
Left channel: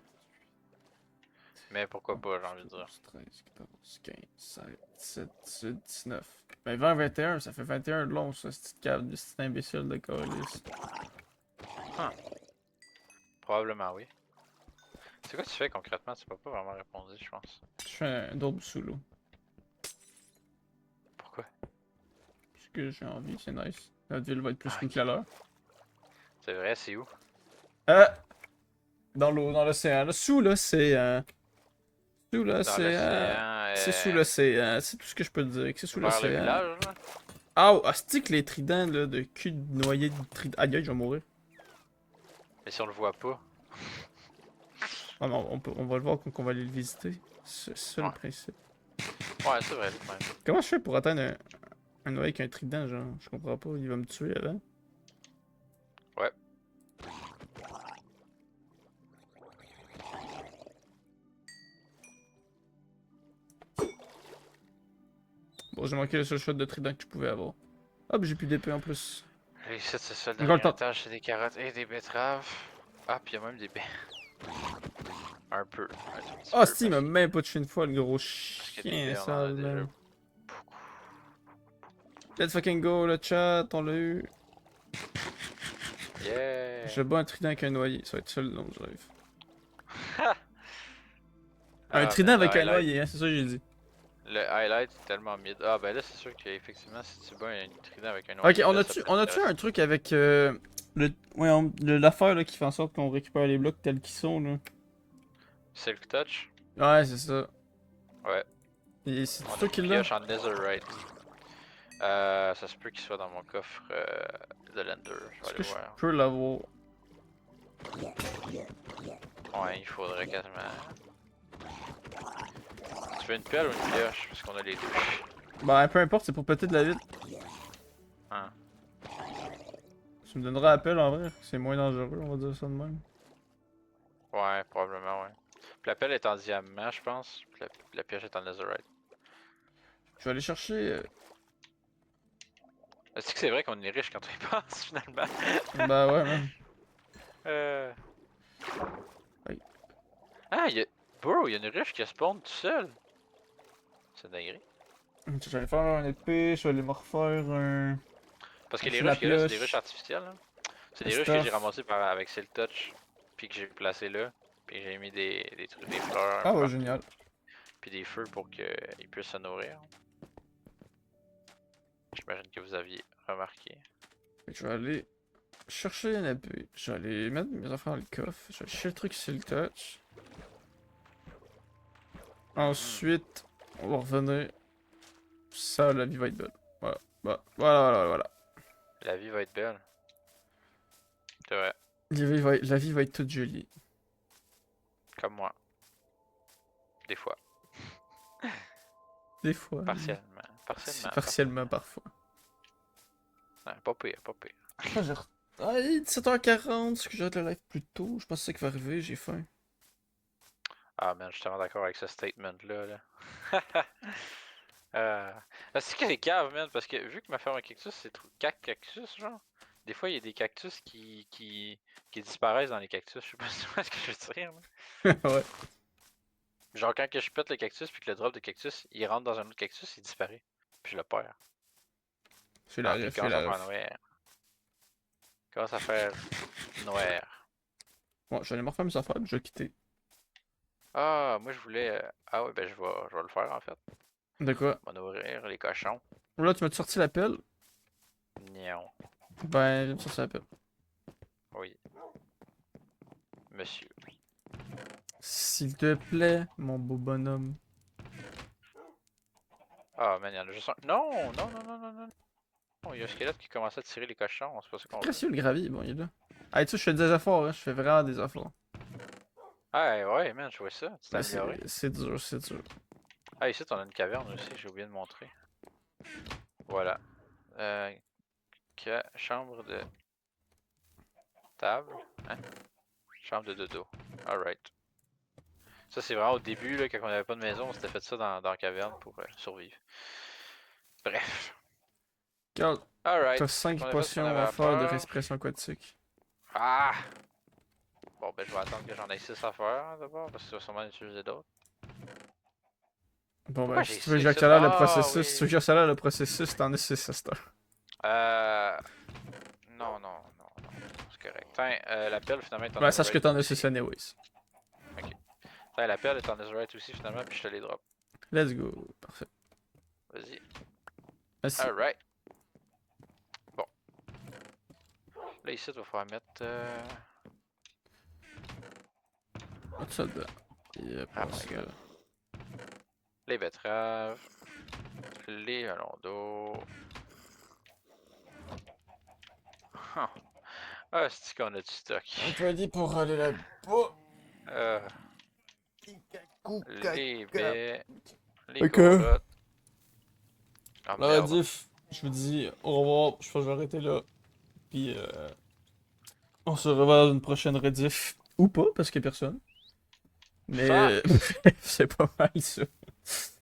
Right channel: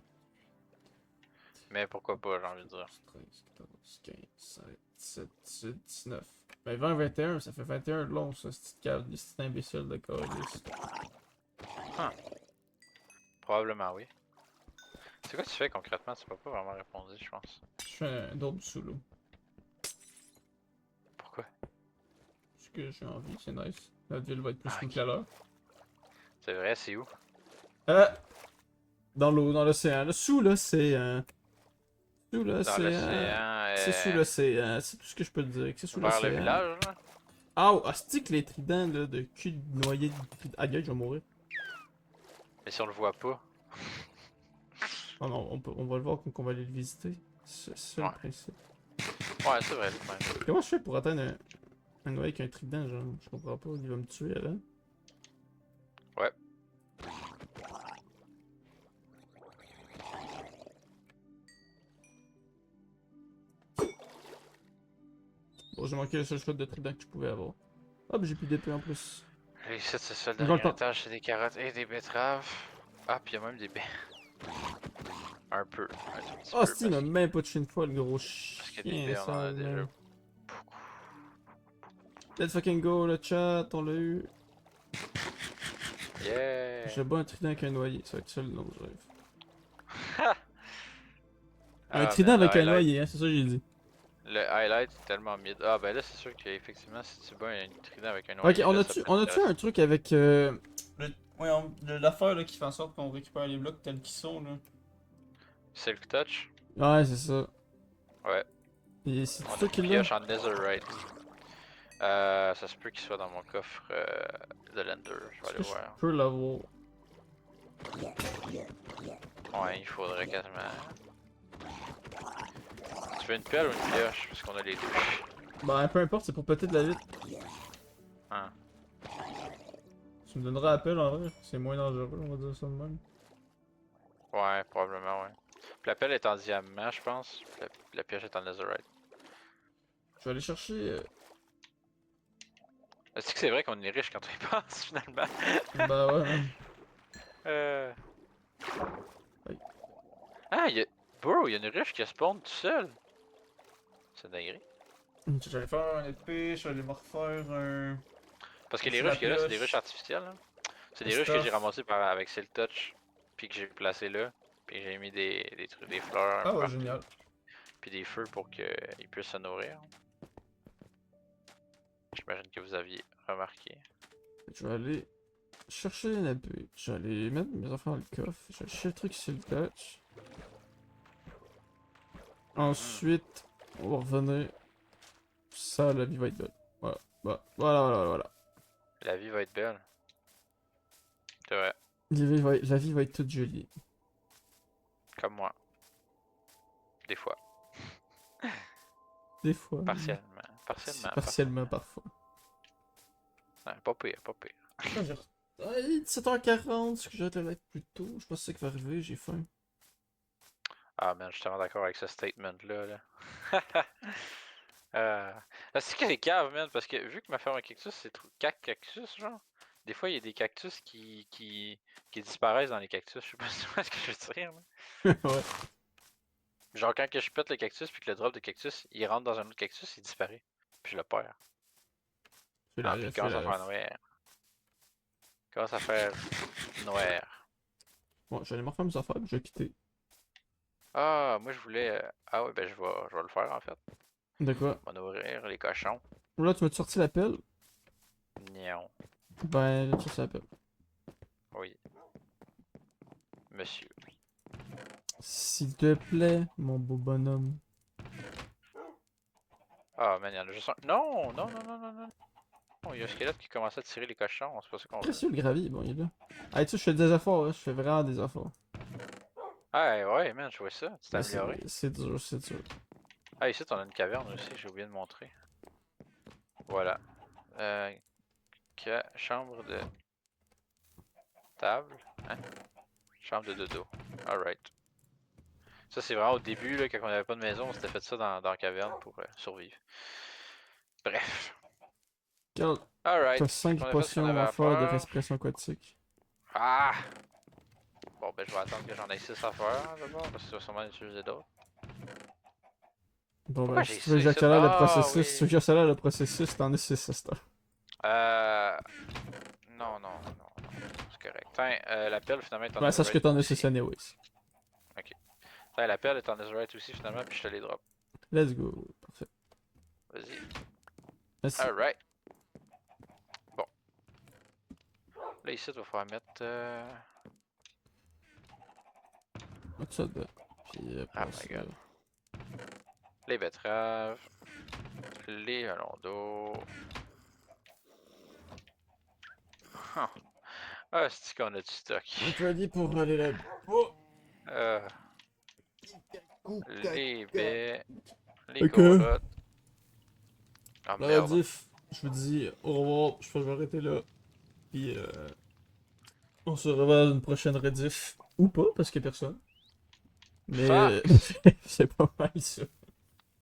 Mais pourquoi pas, j'ai envie de dire. 12, 13, 14, 15, 16, 17, 18, 19. Ben 20, 21, ça fait 21 de long, ça, cette petite cave de cet imbécile de calice. Probablement oui. C'est quoi tu fais concrètement? Tu m'as pas vraiment répondu, je pense. Je fais un double sous l'eau. Pourquoi? Parce que j'ai envie, c'est nice. La ville va être plus Ah, cool ok. qu'à l'heure. C'est vrai, c'est où? Ah! Dans l'eau, dans l'océan, là, sous l'océan. Sous Dans l'océan. l'océan, C'est sous l'océan, c'est tout ce que je peux te dire, que c'est sous vers le l'océan. village, là? Ah, oh, c'est que les tridents là, de cul de noyer de trident. Aïe aïe, je vais mourir. Mais si on le voit pas. Ah non, on va le voir quand on va aller le visiter. C'est ça Ouais. le principe. Ouais, c'est vrai, quand même. Comment je fais pour atteindre un noyer avec un trident, genre? Je comprends pas, il va me tuer avant. Ouais. Bon, j'ai manqué le seul shot de trident que je pouvais avoir. Ah, mais j'ai plus d'épée en plus. Et ici, c'est ça, le Encore le dernier temps. étage, c'est des carottes et des betteraves. Ah, puis il y a même des baies. Un peu. Un tout petit Ah, peu. si, il m'a même pas touché une fois, le gros Parce que des chien, baies, on en ça, a déjà man. beaucoup. Let's fucking go, le chat, on l'a eu. Yeah! Je bats un trident avec un noyer, ça va être seul dans le rêve. Ah, le Ah, trident man, le avec un highlight. noyer, hein, c'est ça que j'ai dit. Le highlight est tellement mid. Ah, ben là, c'est sûr qu'effectivement, si tu bats un trident avec un Ok, noyer, là, ça peut être on a-tu un intéressant. truc avec l'affaire là, qui fait en sorte qu'on récupère les blocs tels qu'ils sont là? Silk Touch? Ouais, c'est ça. Ouais. Et c'est On a ça une qu'il a? pioche en netherite. Ça se peut qu'il soit dans mon coffre de Lender. Je vais Est-ce aller que je voir. peux l'avoir? Ouais, il faudrait quasiment. Tu veux une pelle ou une pioche? Parce qu'on a les deux. Bah, peu importe, c'est pour péter de la ville. Hein. Tu me donneras appel en vrai, c'est moins dangereux, on va dire ça de même. Ouais, probablement, ouais. Puis la pelle est en diamant, je pense. Puis la pioche est en netherite. Je vais aller chercher. Est-ce que c'est vrai qu'on est riche quand on y pense, finalement? Bah ouais, man. euh... Oui. Ah, Bro, il y a une ruche qui a spawn tout seul. C'est dingue. Je vais aller faire un épée, je vais aller me refaire un. Parce que les C'est la ruches qu'il y a là, c'est des ruches pioche. artificielles. Là. C'est Le des ruches que j'ai stuff. ramassées avec Silk Touch. Puis que j'ai placé là. Puis j'ai mis des trucs, des fleurs un Ah peu ouais, partout. génial. Puis des feux pour qu'ils puissent se nourrir. J'imagine que vous aviez remarqué. Fait que je vais aller chercher une épée. Je vais aller mettre mes affaires dans le coffre. Je vais chercher le truc sur le touch. Ensuite, on va revenir. Ça, la vie va être belle. Voilà. Voilà. La vie va être belle. C'est vrai. La vie va être toute jolie. Comme moi. Des fois. Des fois. Partiellement. Partiellement. Partiellement parfois. Ouais, pas pire, pas pire. Ah, ah, il est 17h40, est-ce que j'ai le live plus tôt? Je pense que c'est ça qui va arriver, j'ai faim. Ah man, je suis tellement d'accord avec ce statement-là. Là. C'est que les caves, man, parce que vu que ma ferme à cactus, c'est trop 4 cactus, genre. Des fois, il y a des cactus qui disparaissent dans les cactus. Je sais pas si tu vois ce que je veux dire. Là. Ouais. Genre, quand que je pète le cactus puis que le drop de cactus, il rentre dans un autre cactus, il disparaît. Puis je le perds. C'est Ah, la puis il ref, c'est commence à la faire ref. noir. Il commence à faire noir. Bon, j'allais me refaire mes affaires, je vais quitter. Ah, moi je voulais. Ah ouais, ben je vais le faire en fait. De quoi? On va nourrir les cochons. Là, tu m'as sorti la pelle? Non. Ben, là, ça l'appelle. Oui. Monsieur. S'il te plaît, mon beau bonhomme. Ah, man, il y en a juste un. Non, non, non, non, non, non. Oh, il y a un squelette qui commençait à tirer les cochons, c'est pas ça qu'on veut. Précieux le gravier, bon, il est là. Hey, tu sais, je fais des efforts, hein, je fais vraiment des efforts. Ah ouais, man, je vois ça, tu t'es Mais amélioré. c'est dur, c'est dur. Ah, ici, on a une caverne aussi, j'ai oublié de montrer. Voilà. Chambre de table. Hein? Chambre de dodo. Alright. Ça, c'est vraiment au début, là, quand on n'avait pas de maison, on s'était fait ça dans la caverne pour survivre. Bref. Regarde, t'as Alright. Fait 5 qu'on a fait ce qu'on potions avait à à faire de faire. respiration aquatique. Ah! Bon, ben, je vais attendre que j'en ai 6 à faire, hein, d'abord, parce que tu vas sûrement en utiliser d'autres. Bon Pourquoi ben, j'ai si tu veux ça que ici? j'accélère le Ah, processus, si tu veux oui! que j'accélère le processus, t'en as 6 à cette heure. Euh... Non, non, non, non. C'est correct. Tiens, la pelle, finalement, est en Ben, sache que netherite t'en as 6 aussi. anyways. Ok. Tiens, la pelle est en netherite aussi, finalement, puis je te les drop. Let's go. Parfait. Vas-y. Merci. Alright. Bon. Là, ici, il va falloir mettre... Pas de ça dedans. Puis Oh après my ça... god. Les betteraves. Les melons d'eau. Huh. Ah, c'est qu'on a du stock. Ready pour aller là-bas. Euh, les baies. Les Ok. corottes. Ah Ben, merde. Diff, je vous dis au revoir. Je pense que je vais arrêter là. Puis on se revoit dans une prochaine rediff. Ou pas, parce qu'il n'y a personne. Mais Facts! c'est pas mal ça.